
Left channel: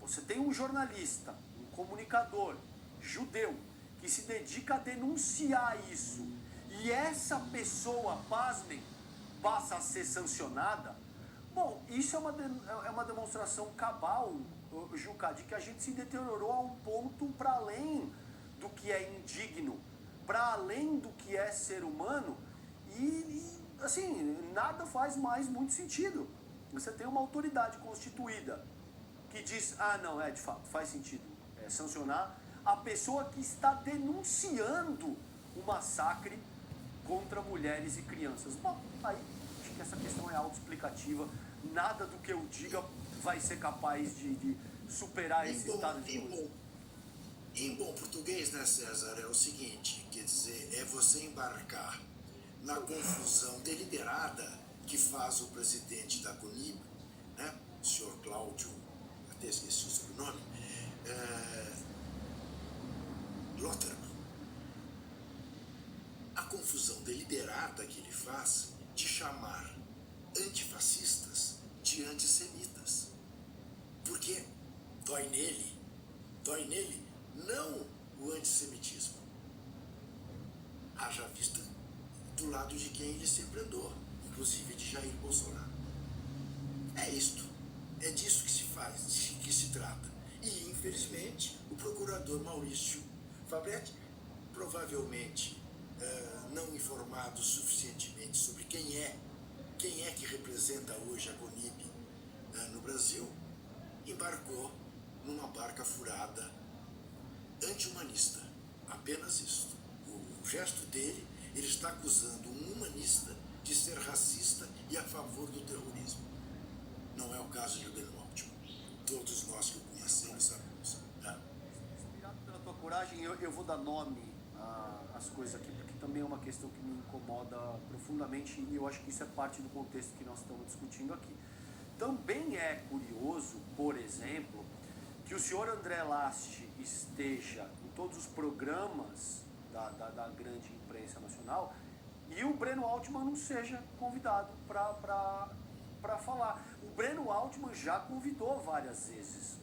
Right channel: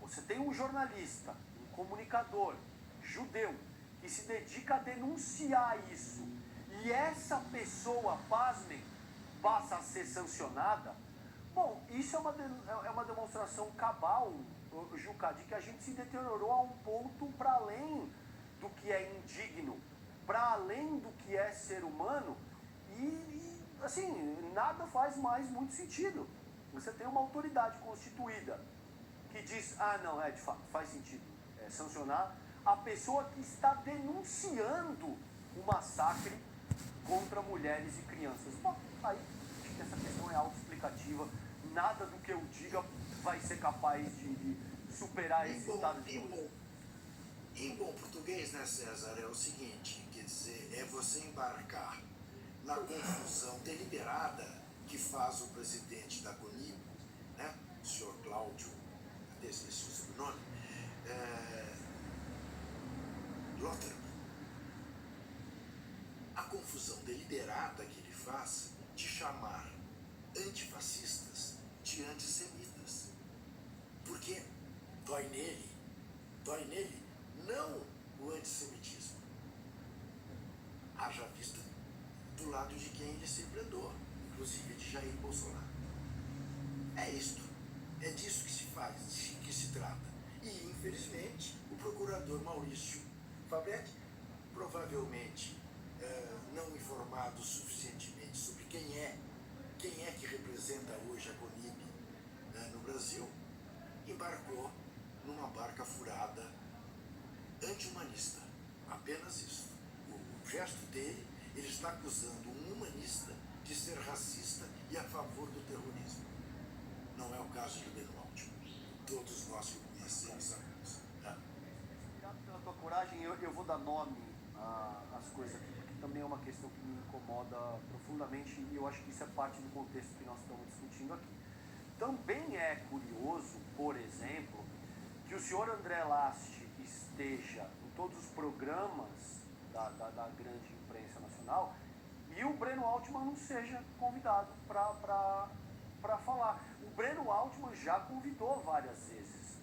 você tem um jornalista, um comunicador judeu, que se dedica a denunciar isso, e essa pessoa, pasmem, passa a ser sancionada. Bom, isso é uma demonstração cabal, Juca, de que a gente se deteriorou a um ponto para além do que é indigno, para além do que é ser humano, e assim, nada faz mais muito sentido. Você tem uma autoridade constituída que diz, não, de fato, faz sentido sancionar a pessoa que está denunciando o massacre contra mulheres e crianças. Bom, aí acho que essa questão é autoexplicativa. Nada do que eu diga vai ser capaz de superar esse estado de coisas. Em bom português, né, César, é o seguinte, quer dizer, é você embarcar na confusão deliberada que faz o presidente da CONIB, né, o senhor Cláudio, até esqueci o sobrenome, Lotterman. A confusão deliberada que ele faz de chamar antifascistas de antissemitas. Porque dói nele não o antissemitismo. Haja vista do lado de quem ele sempre andou, inclusive de Jair Bolsonaro. É isto, é disso que se faz, que se trata. E, infelizmente, o procurador Maurício Fabretti, provavelmente não informado suficientemente sobre quem é que representa hoje a CONIB no Brasil, embarcou numa barca furada anti-humanista. Apenas isso. O gesto dele, ele está acusando um humanista de ser racista e a favor do terrorismo. Não é o caso de Breno Altman. Todos nós que o conhecemos sabemos. Né? Inspirado pela tua coragem, eu vou dar nome às coisas aqui, porque também é uma questão que me incomoda profundamente, e eu acho que isso é parte do contexto que nós estamos discutindo aqui. Também é curioso, por exemplo, que o senhor André Last esteja em todos os programas da grande imprensa nacional e o Breno Altman não seja convidado para falar. O Breno Altman já convidou várias vezes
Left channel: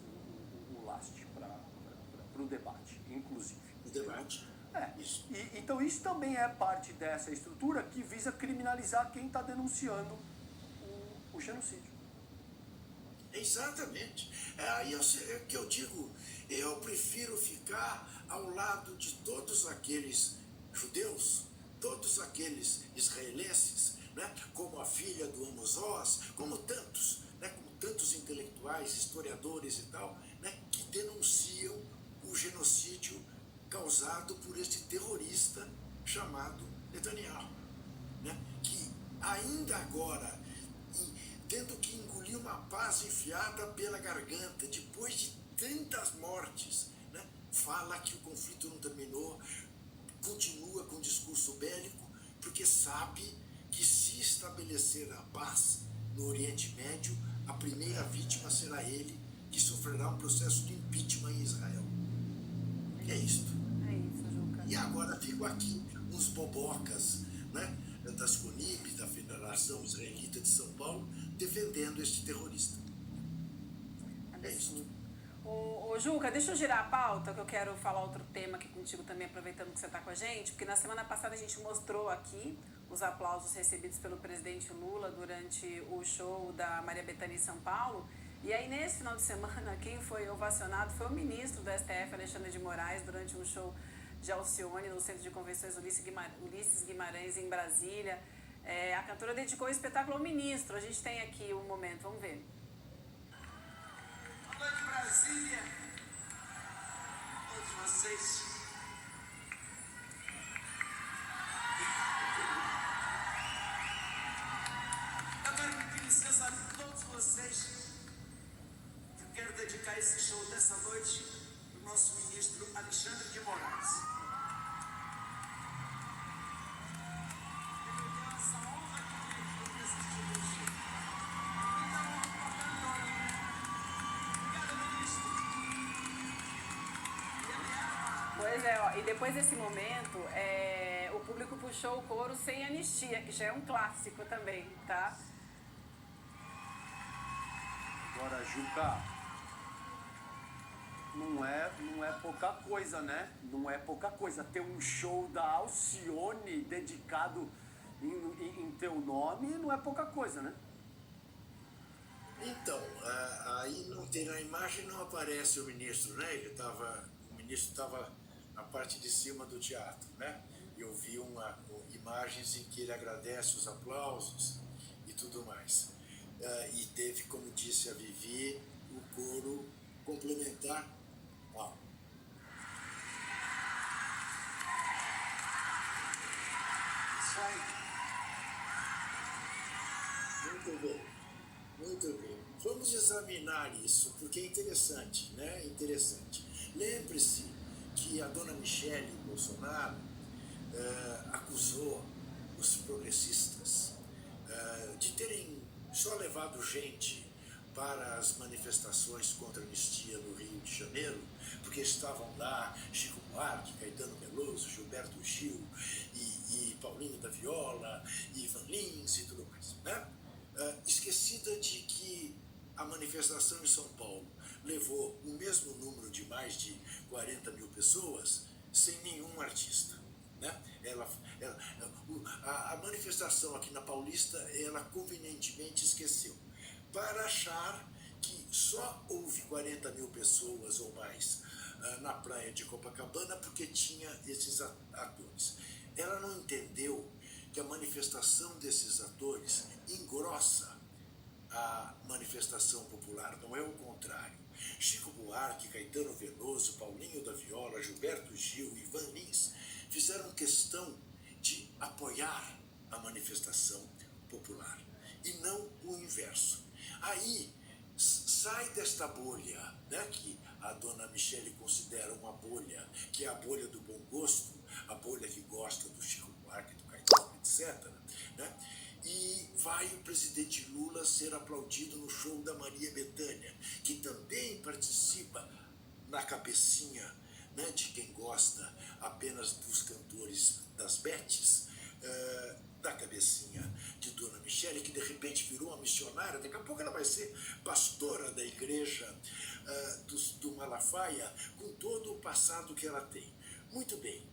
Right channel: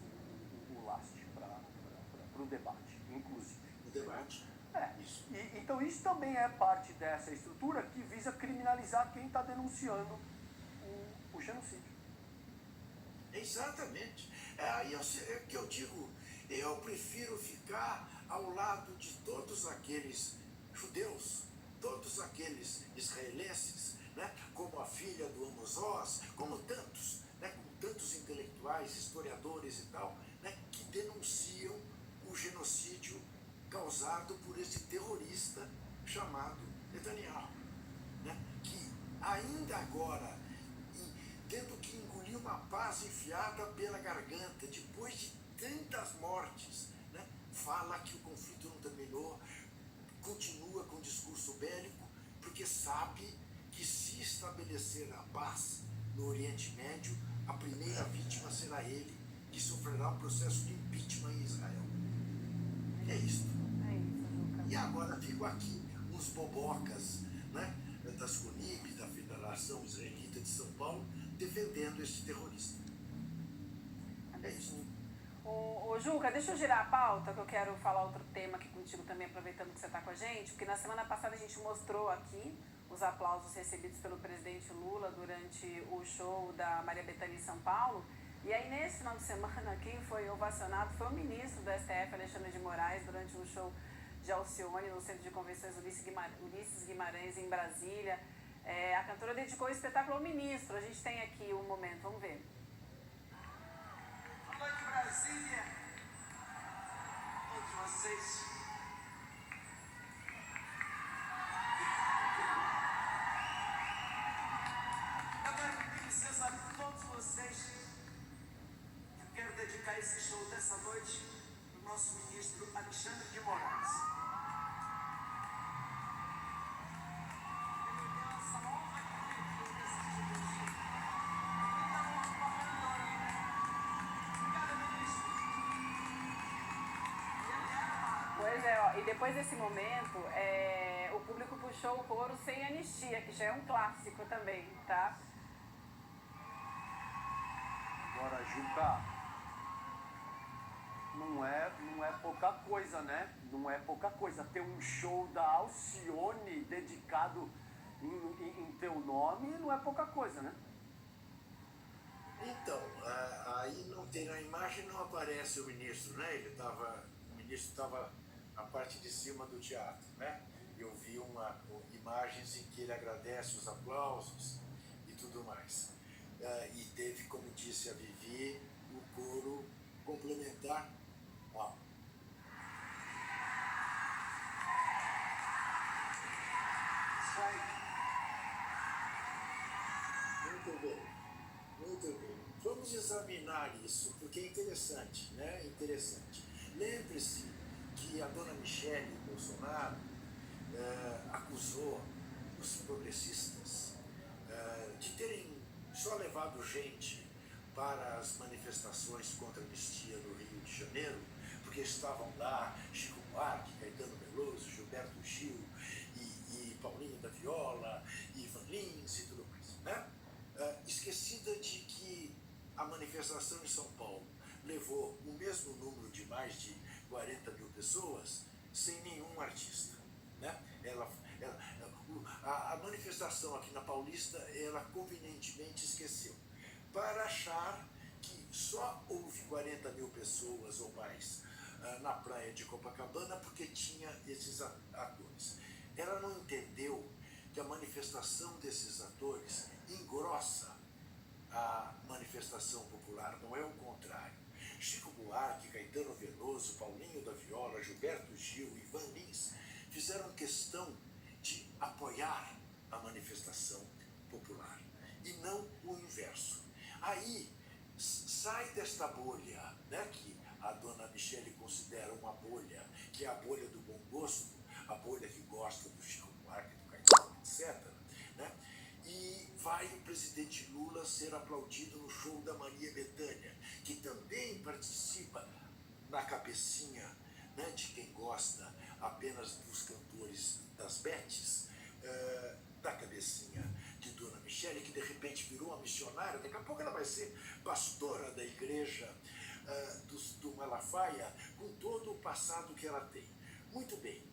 o Last para o debate, inclusive. O debate? Isso. Então isso também é parte dessa estrutura que visa criminalizar quem está denunciando o genocídio. Exatamente. É que eu digo, eu prefiro ficar ao lado de todos aqueles judeus, todos aqueles israelenses, né, como a filha do Amos Oz, como tantos intelectuais, historiadores e tal, né, que denunciam o genocídio causado por este terrorista chamado Netanyahu, né, que ainda agora, tendo que engolir uma paz enfiada pela garganta, depois de tantas mortes, né, fala que o conflito não terminou, continua com o discurso bélico, porque sabe que se estabelecer a paz no Oriente Médio, a primeira vítima será ele, que sofrerá um processo de impeachment em Israel. É isto. É isso, Juca. E agora ficam aqui uns bobocas, né, das CONIB, da Federação Israelita de São Paulo, defendendo este terrorista. É isso. Ô, Juca, deixa eu girar a pauta, que eu quero falar outro tema aqui contigo também, aproveitando que você está com a gente, porque na semana passada a gente mostrou aqui os aplausos recebidos pelo presidente Lula durante o show da Maria Bethânia em São Paulo. E aí, nesse final de semana, quem foi ovacionado foi o ministro do STF, Alexandre de Moraes, durante um show de Alcione, no Centro de Convenções Ulisses Guimarães, em Brasília. A cantora dedicou o espetáculo ao ministro. A gente tem aqui um momento, vamos ver. Boa noite, Brasília. Todos vocês. Eu quero pedir licença a todos vocês. Eu quero dedicar esse show dessa noite ao nosso ministro Alexandre de Moraes. Ele me deu essa honra de poder assistir meu show. Pois é, ó, e depois desse momento, o público puxou o coro Sem Anistia, que já é um clássico também, tá? Agora, Juca, não é pouca coisa, né? Não é pouca coisa. Ter um show da Alcione dedicado em teu nome não é pouca coisa, né? Então, aí não tem, na imagem não aparece o ministro, né? O ministro estava na parte de cima do teatro, né? Eu vi imagens em que ele agradece os aplausos e tudo mais. E teve, como disse a Vivi, o coro complementar. Ó. Isso aí. Muito bem, muito bem. Vamos examinar isso, porque é interessante, né? Interessante. Lembre-se que a dona Michele Bolsonaro acusou os progressistas de terem só levado gente para as manifestações contra a anistia no Rio de Janeiro, porque estavam lá Chico Buarque, Caetano Veloso, Gilberto Gil e Paulinho da Viola, e Ivan Lins e tudo mais, né? Esquecida de que a manifestação em São Paulo levou o mesmo número de mais de 40 mil pessoas sem nenhum artista, né? A manifestação aqui na Paulista, ela convenientemente esqueceu, para achar que só houve 40 mil pessoas ou mais na praia de Copacabana porque tinha esses atores. Ela não entendeu que a manifestação desses atores engrossa a manifestação popular, não é o contrário. Chico Buarque, Caetano Veloso, Paulinho da Viola, Gilberto Gil e Ivan Lins fizeram questão de apoiar a manifestação popular e não o inverso. Aí sai desta bolha, né, que a dona Michele considera uma bolha, que é a bolha do bom gosto, a bolha que gosta do Chico Buarque, do Caetano, etc., né? E vai o presidente Lula ser aplaudido no show da Maria Bethânia, que também participa na cabecinha, né, de quem gosta apenas dos cantores das Betes, da cabecinha de Dona Michele, que de repente virou uma missionária. Daqui a pouco ela vai ser pastora da igreja do Malafaia, com todo o passado que ela tem. Muito bem.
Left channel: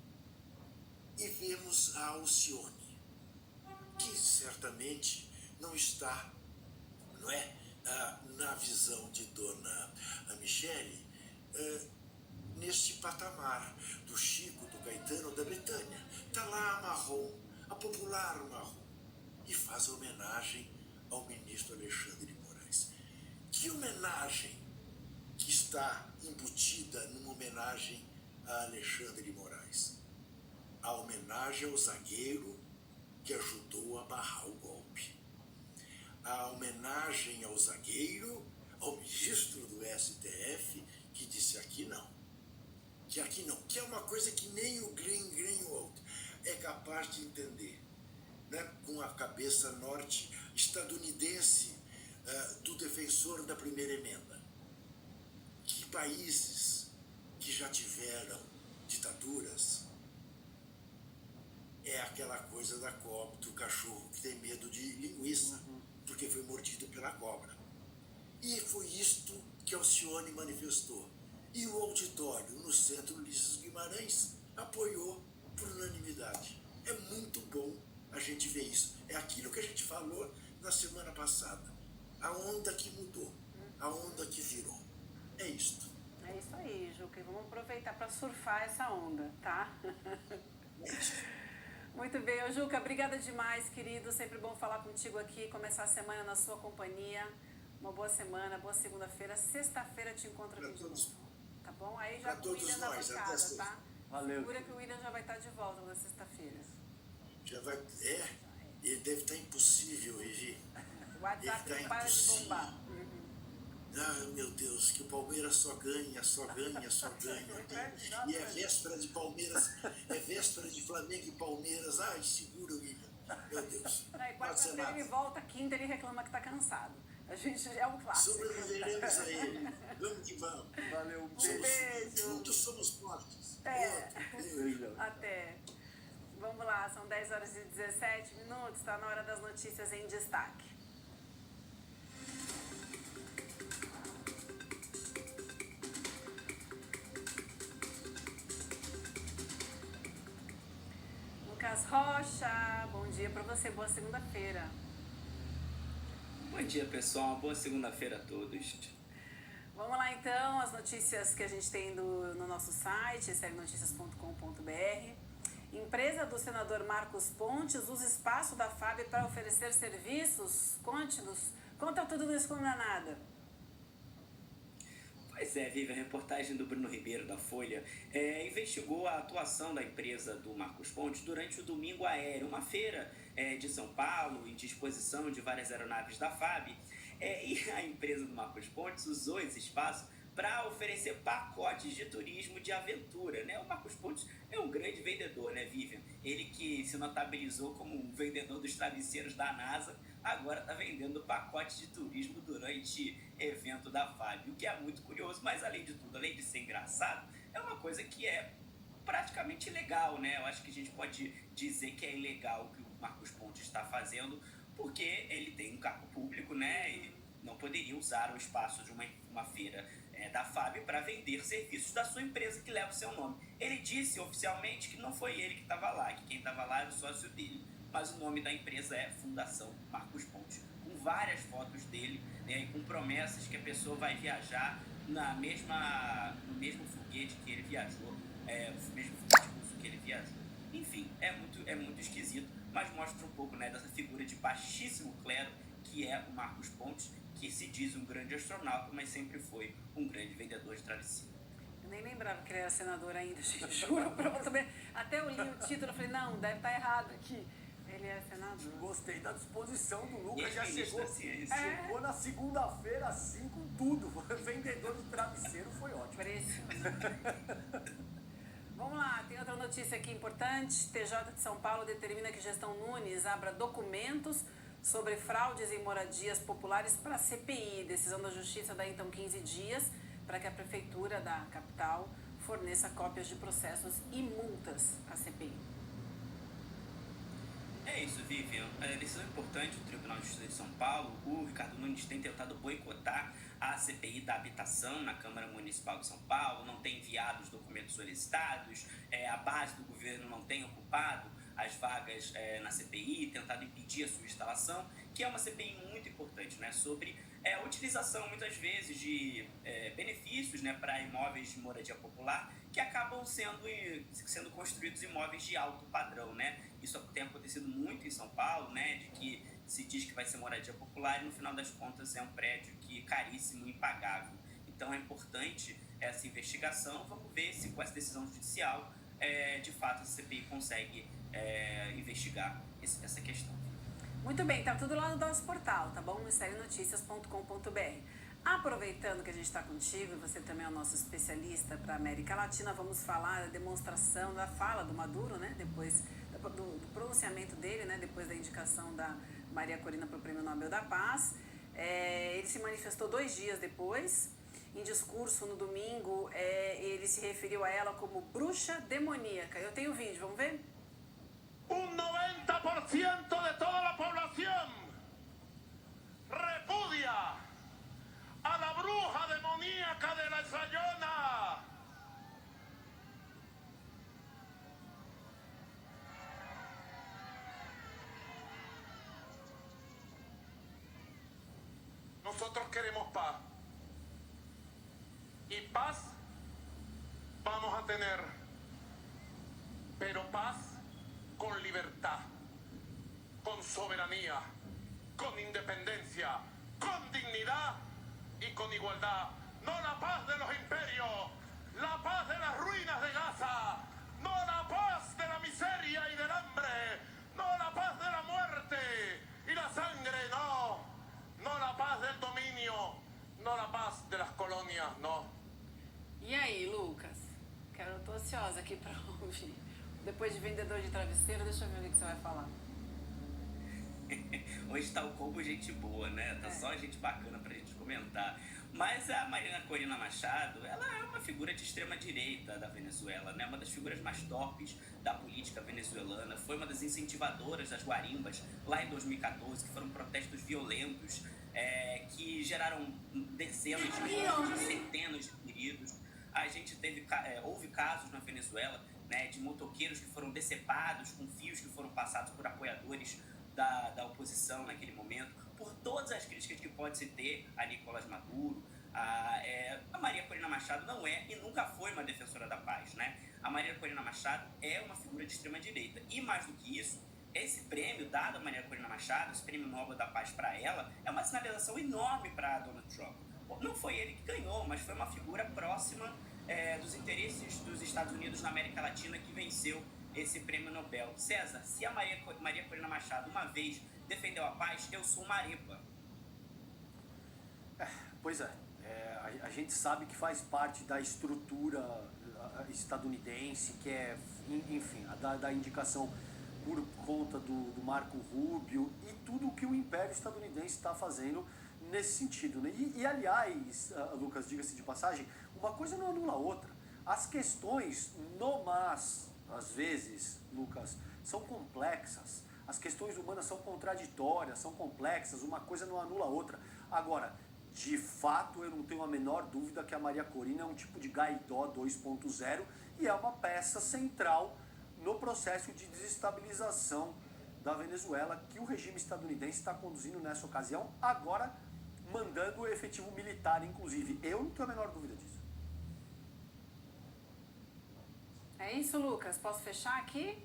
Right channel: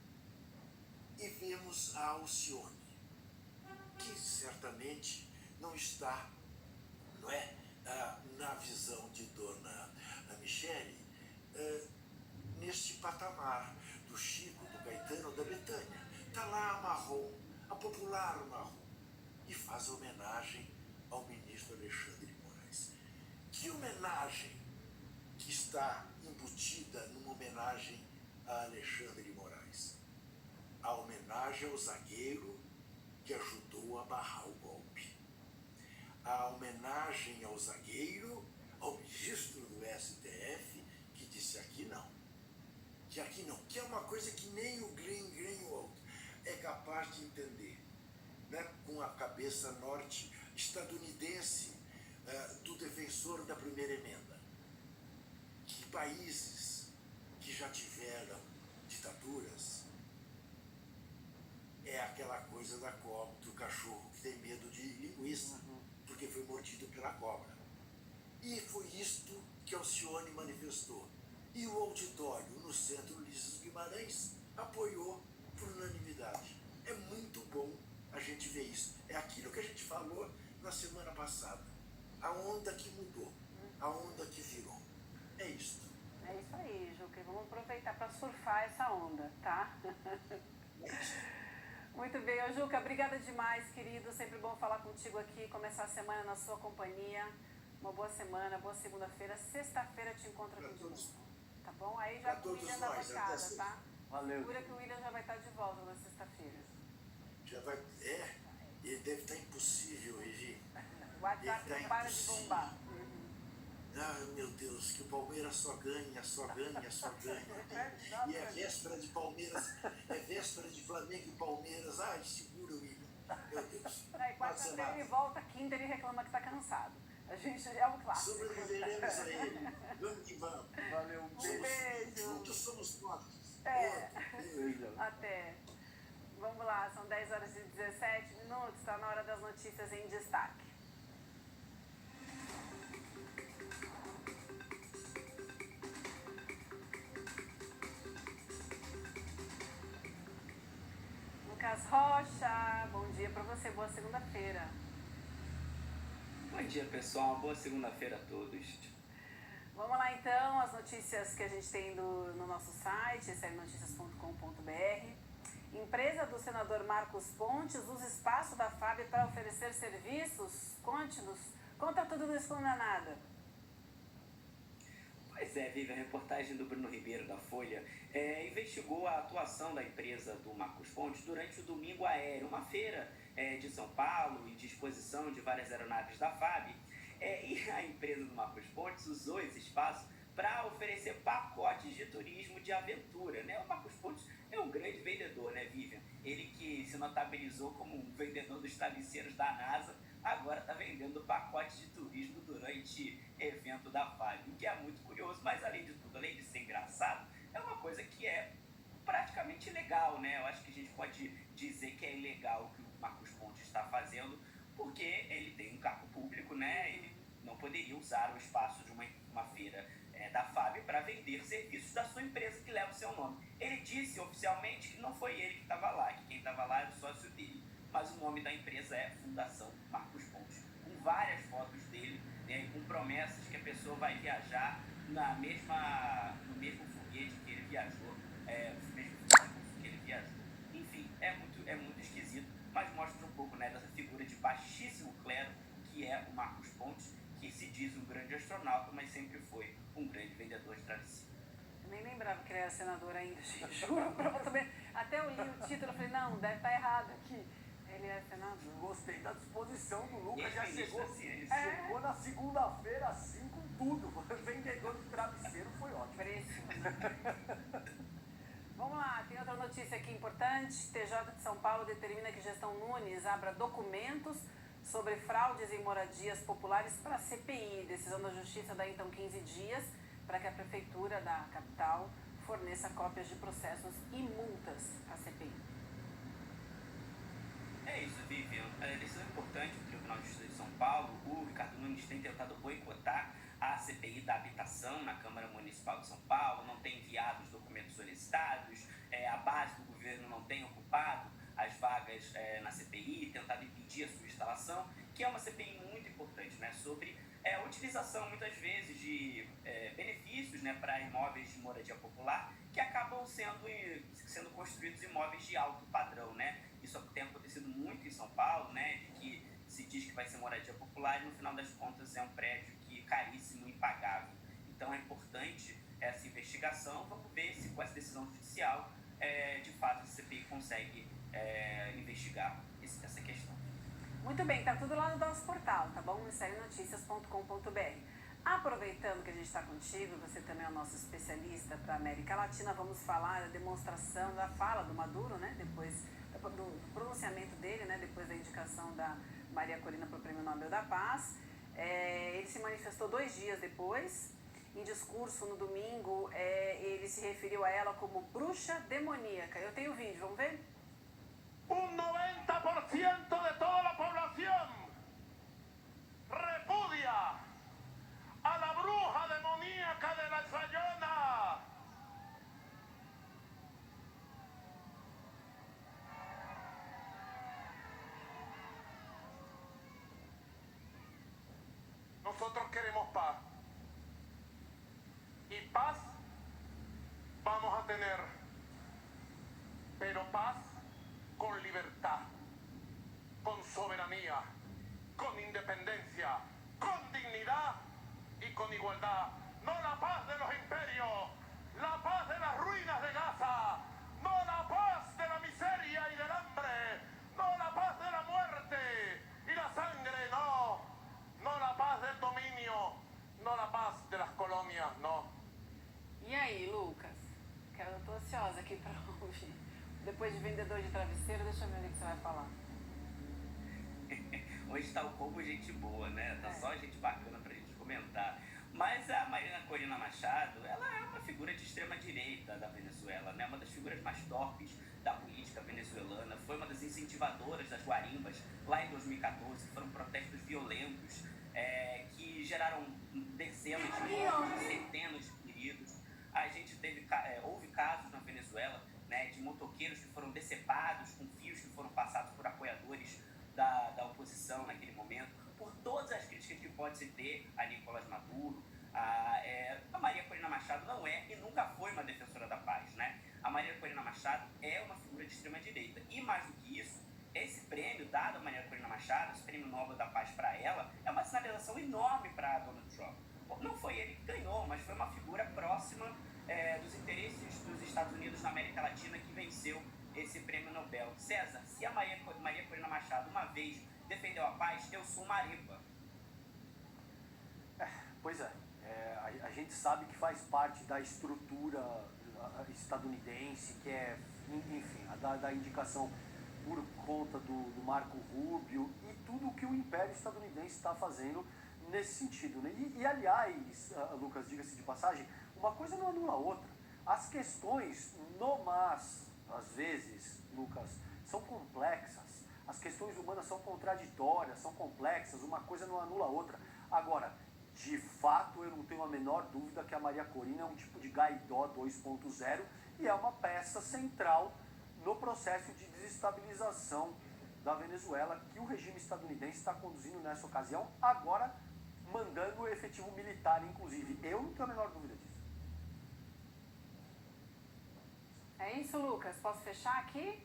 E vemos a Alcione, que certamente não está, não é, na visão de Dona Michele, neste patamar do Chico, do Caetano, da Betânia. Está lá a Marrom, a popular Marrom, e faz homenagem ao ministro Alexandre de Moraes. Que homenagem que está embutida numa homenagem a Alexandre de Moraes? A homenagem ao zagueiro que ajudou a barrar o golpe. A homenagem ao zagueiro, ao ministro do STF, que disse aqui não. Que aqui não. Que é uma coisa que nem o Greenwald é capaz de entender, né? Com a cabeça norte-estadunidense do defensor da primeira emenda. Que países que já tiveram ditaduras é aquela coisa da cobra, do cachorro que tem medo de linguiça, porque foi mordido pela cobra. E foi isto que Alcione manifestou. E o auditório no Centro Ulisses Guimarães apoiou por unanimidade. É muito bom a gente ver isso. É aquilo que a gente falou na semana passada. A onda que mudou, a onda que virou. É isto. É isso aí, Juca. Vamos aproveitar para surfar essa onda, tá? Muito bem, ô Juca, obrigada demais, querido. Sempre bom falar contigo aqui, começar a semana na sua companhia. Uma boa semana, boa segunda-feira. Sexta-feira te encontro aqui de novo. Tá bom? Aí já com o William da bancada, tá? Valeu. Segura que o William já vai estar de volta na sexta-feira. Já vai. Ele deve estar impossível, Vivi. O WhatsApp não para de bombar. Ah, meu Deus, que o Palmeiras só ganha, só ganha, só ganha. E é véspera de Palmeiras, é véspera de Flamengo e Palmeiras. Ai, segura, William. Meu Deus. Aí, quarta-feira ele volta, quinta ele reclama que tá cansado. A gente é um clássico. Sobreviveremos a ele. Vamos que vamos. Valeu, Um beijo. Juntos somos fortes. Beijo. Até. Vamos lá, são 10 horas e 17 minutos, está na hora das notícias em destaque. Lucas Rocha, bom dia para você, boa segunda-feira. Bom dia, pessoal, boa segunda-feira a todos. Vamos lá então, as notícias que a gente tem no nosso site, srnoticias.com.br. Empresa do senador Marcos Pontes usa espaço da FAB para oferecer serviços. Conte-nos, conta tudo no Esconda Nada. Pois é, Vivi, a reportagem do Bruno Ribeiro, da Folha, investigou a atuação da empresa do Marcos Pontes durante o Domingo Aéreo, uma feira de São Paulo e de exposição de várias aeronaves da FAB. E a empresa do Marcos Pontes usou esse espaço para oferecer pacotes de turismo de aventura, né? O Marcos Pontes é um grande vendedor, né, Vivian? Ele que se notabilizou como um vendedor dos travesseiros da NASA, agora está vendendo pacotes de turismo durante evento da FAB, o que é muito curioso, mas além de tudo, além de ser engraçado, é uma coisa que é praticamente ilegal, né? Eu acho que a gente pode dizer que é ilegal o que o Marcos Pontes está fazendo, porque ele tem um cargo público, né? Ele não poderia usar o espaço de uma feira da FAB para vender serviços da sua empresa que leva o seu nome. Ele disse oficialmente que não foi ele que estava lá, que quem estava lá era o sócio dele, mas o nome da empresa é Fundação Marcos Pontes, com várias fotos dele, né, e com promessas que a pessoa vai viajar no mesmo foguete que ele viajou, o mesmo foguete que ele viajou. Enfim, é muito esquisito, mas mostra um pouco, né, dessa figura de baixíssimo clero que é o Marcos Pontes, que se diz um grande astronauta, mas sempre foi um grande vendedor de travesseiro. Eu nem lembrava que ele era senador ainda, gente, juro pra você. Até eu li o título e falei, não, deve estar errado aqui. Ele é senador. Gostei da disposição do Lucas, já Ex-ministro chegou na segunda-feira assim com tudo. Vendedor de travesseiro foi ótimo. Precioso. Vamos lá, tem outra notícia aqui importante. TJ de São Paulo determina que Gestão Nunes abra documentos sobre fraudes em moradias populares para a CPI. Decisão da Justiça dá então 15 dias para que a Prefeitura da capital forneça cópias de processos e multas à CPI. É isso, Vivian. A decisão importante do Tribunal de Justiça de São Paulo, o Ricardo Nunes tem tentado boicotar a CPI da habitação na Câmara Municipal de São Paulo, não tem enviado os documentos solicitados, a base do governo não tem ocupado as vagas na CPI, tentado impedir a sua instalação, que é uma CPI muito importante, né, sobre utilização muitas vezes de benefícios, né, para imóveis de moradia popular que acabam sendo construídos imóveis de alto padrão, né? Isso tem acontecido muito em São Paulo, né, de que se diz que vai ser moradia popular e no final das contas é um prédio que é caríssimo e impagável. Então é importante essa investigação. Vamos ver se com essa decisão judicial de fato a CPI consegue investigar essa questão. Muito bem, tá tudo lá no nosso portal, tá bom? ministerienoticias.com.br. Aproveitando que a gente está contigo, você também é o nosso especialista para a América Latina, vamos falar da demonstração, da fala do Maduro, né? Depois do pronunciamento dele, né? Depois da indicação da Maria Corina para o Prêmio Nobel da Paz. Ele se manifestou 2 dias depois. Em discurso no domingo, ele se referiu a ela como bruxa demoníaca. Eu tenho o vídeo, vamos ver? 90% de toda la población repudia a la bruja demoníaca de la Sayona. Nosotros queremos paz. Y paz vamos a tener, pero paz con libertad, con soberanía, con independencia, con dignidad y con igualdad. No la paz de los imperios, la paz de las ruinas de Gaza, no la paz de la miseria y del hambre, no la paz de la muerte y la sangre, no la paz del dominio, no la paz de las colonias, no. E aí, Lucas? Eu tô ansiosa aqui para ouvir. Depois de vendedor de travesseiro, deixa eu ver o que você vai falar. Hoje tá o combo gente boa, né? Tá só gente bacana pra gente comentar. Mas a Marina Corina Machado, ela é uma figura de extrema-direita da Venezuela, né? Uma das figuras mais torpes da política venezuelana. Foi uma das incentivadoras das guarimbas lá em 2014, que foram protestos violentos, que geraram dezenas de mortes, centenas de feridos. A gente houve casos na Venezuela, né, de motoqueiros que foram decepados com fios que foram passados por apoiadores da oposição naquele momento, por todas as críticas que pode se ter a Nicolás Maduro. A Maria Corina Machado não é e nunca foi uma defensora da paz, né? A Maria Corina Machado é uma figura de extrema-direita. E mais do que isso, esse prêmio dado a Maria Corina Machado, esse prêmio Nobel da Paz para ela, é uma sinalização enorme para Donald Trump. Não foi ele que ganhou, mas foi uma figura próxima dos interesses dos Estados Unidos na América Latina que venceu esse prêmio Nobel. César, se a Maria Corina Machado uma vez defendeu a paz, eu sou uma arepa. Pois é. A gente sabe que faz parte da estrutura estadunidense, que enfim, da indicação por conta do Marco Rubio e tudo o que o Império Estadunidense está fazendo nesse sentido, né? E aliás, Lucas, diga-se de passagem, uma coisa não anula a outra. As questões no MAS, às vezes, Lucas, são complexas. As questões humanas são contraditórias, são complexas, uma coisa não anula a outra. Agora, de fato, eu não tenho a menor dúvida que a Maria Corina é um tipo de Guaidó 2.0 e é uma peça central no processo de desestabilização da Venezuela que o regime estadunidense está conduzindo nessa ocasião, agora mandando o efetivo militar, inclusive. Eu não tenho a menor dúvida disso. É isso, Lucas? Posso fechar aqui?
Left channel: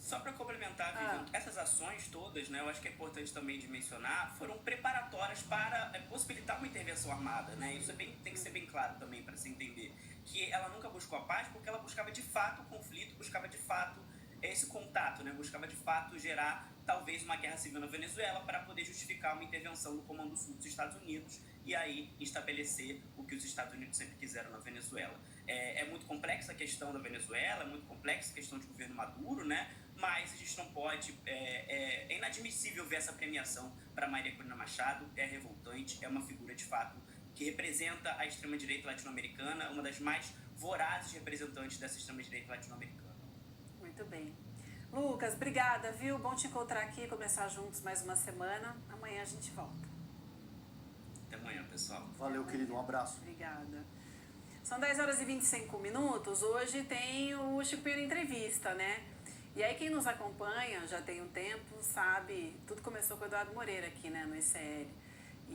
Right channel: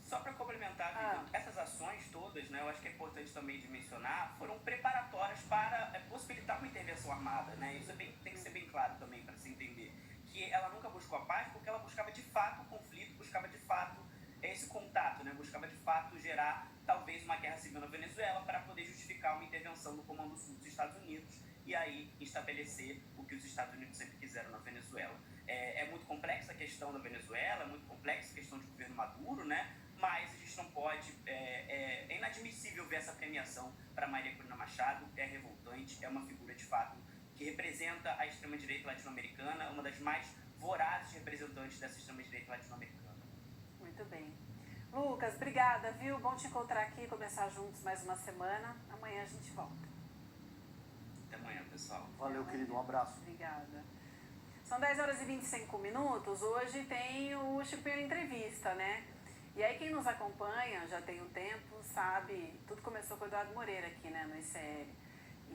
Só para complementar, Vivian, essas ações todas, né, eu acho que é importante também de mencionar, foram preparatórias para possibilitar uma intervenção armada, né? Isso tem que ser bem claro também para se entender. Que ela nunca buscou a paz porque ela buscava de fato o conflito, buscava de fato esse contato, né? Buscava de fato gerar talvez uma guerra civil na Venezuela para poder justificar uma intervenção do Comando Sul dos Estados Unidos e aí estabelecer o que os Estados Unidos sempre quiseram na Venezuela. É muito complexa a questão da Venezuela, é muito complexa a questão de governo Maduro, né? Mas a gente não pode, é inadmissível ver essa premiação para Maria Corina Machado, é revoltante, é uma figura de fato que representa a extrema-direita latino-americana, uma das mais vorazes representantes dessa extrema-direita latino-americana. Muito bem. Lucas, obrigada, viu? Bom te encontrar aqui, começar juntos mais uma semana. Amanhã a gente volta. Até amanhã, pessoal. Valeu, querido. Um abraço. Obrigada. São 10 horas e 25 minutos. Hoje tem o Chico Pinheiro Entrevista, né? E aí quem nos acompanha já tem um tempo, sabe, tudo começou com o Eduardo Moreira aqui, né, no ICL.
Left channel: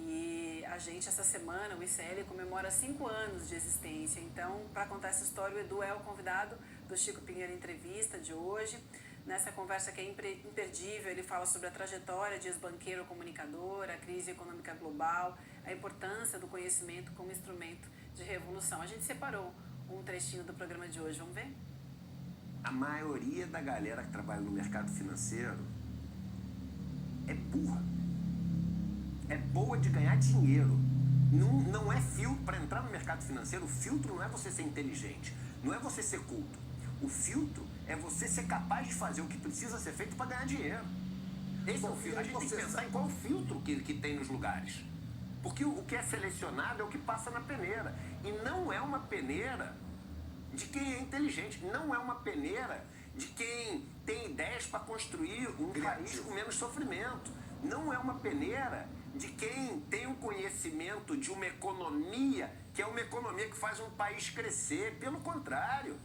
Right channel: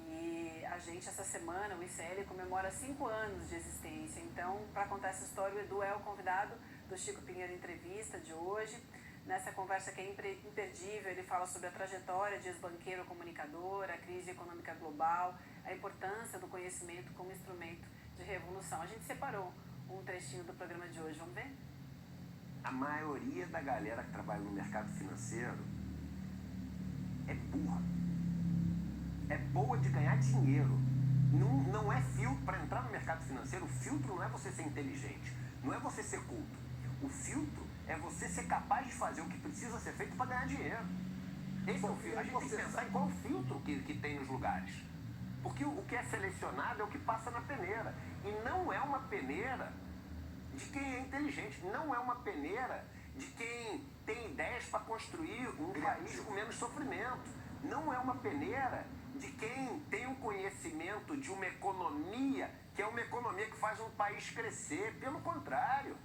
E a gente, essa semana, o ICL comemora 5 anos de existência. Então, para contar essa história, o Edu é o convidado do Chico Pinheiro Entrevista de hoje. Nessa conversa que é imperdível, ele fala sobre a trajetória de ex-banqueiro comunicador, a crise econômica global, a importância do conhecimento como instrumento de revolução. A gente separou um trechinho do programa de hoje, vamos ver? A maioria da galera que trabalha no mercado financeiro é burra. É boa de ganhar dinheiro. Não é filtro. Para entrar no mercado financeiro, o filtro não é você ser inteligente, não é você ser culto. O filtro é você ser capaz de fazer o que precisa ser feito para ganhar dinheiro. Esse é o filtro. A gente tem que pensar em qual o filtro que tem nos lugares. Porque o que é selecionado é o que passa na peneira. E não é uma peneira de quem é inteligente. Não é uma peneira de quem tem ideias para construir um país com menos sofrimento. Não é uma peneira de quem tem um conhecimento de uma economia que é uma economia que faz um país crescer. Pelo contrário.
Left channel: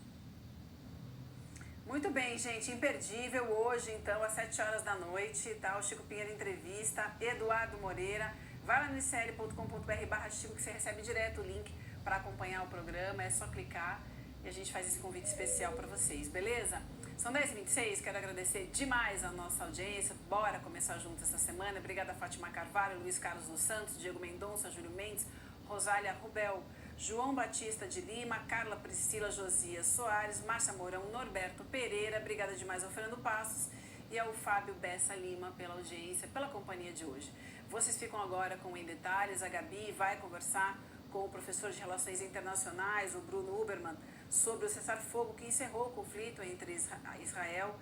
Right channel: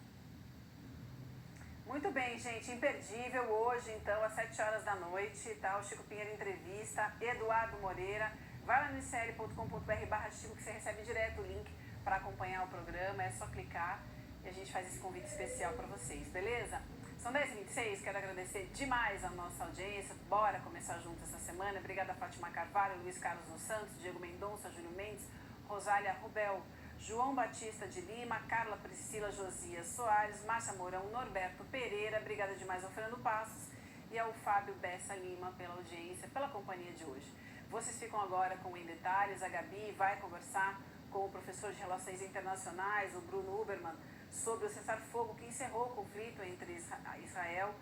Muito bem, gente, imperdível hoje, então, às 7 horas da noite, tá? O Chico Pinheiro Entrevista, Eduardo Moreira. Vai lá no icl.com.br/Chico que você recebe direto o link para acompanhar o programa, é só clicar e a gente faz esse convite especial para vocês, beleza? São 10h26, quero agradecer demais a nossa audiência, bora começar junto essa semana. Obrigada a Fátima Carvalho, Luiz Carlos dos Santos, Diego Mendonça, Júlio Mendes, Rosália Rubel, João Batista de Lima, Carla Priscila Josias Soares, Márcia Mourão, Norberto Pereira, obrigada demais ao Fernando Passos e ao Fábio Bessa Lima pela audiência, pela companhia de hoje. Vocês ficam agora com Em Detalhes, a Gabi vai conversar com o professor de Relações Internacionais, o Bruno Uberman, sobre o cessar-fogo que encerrou o conflito entre Israel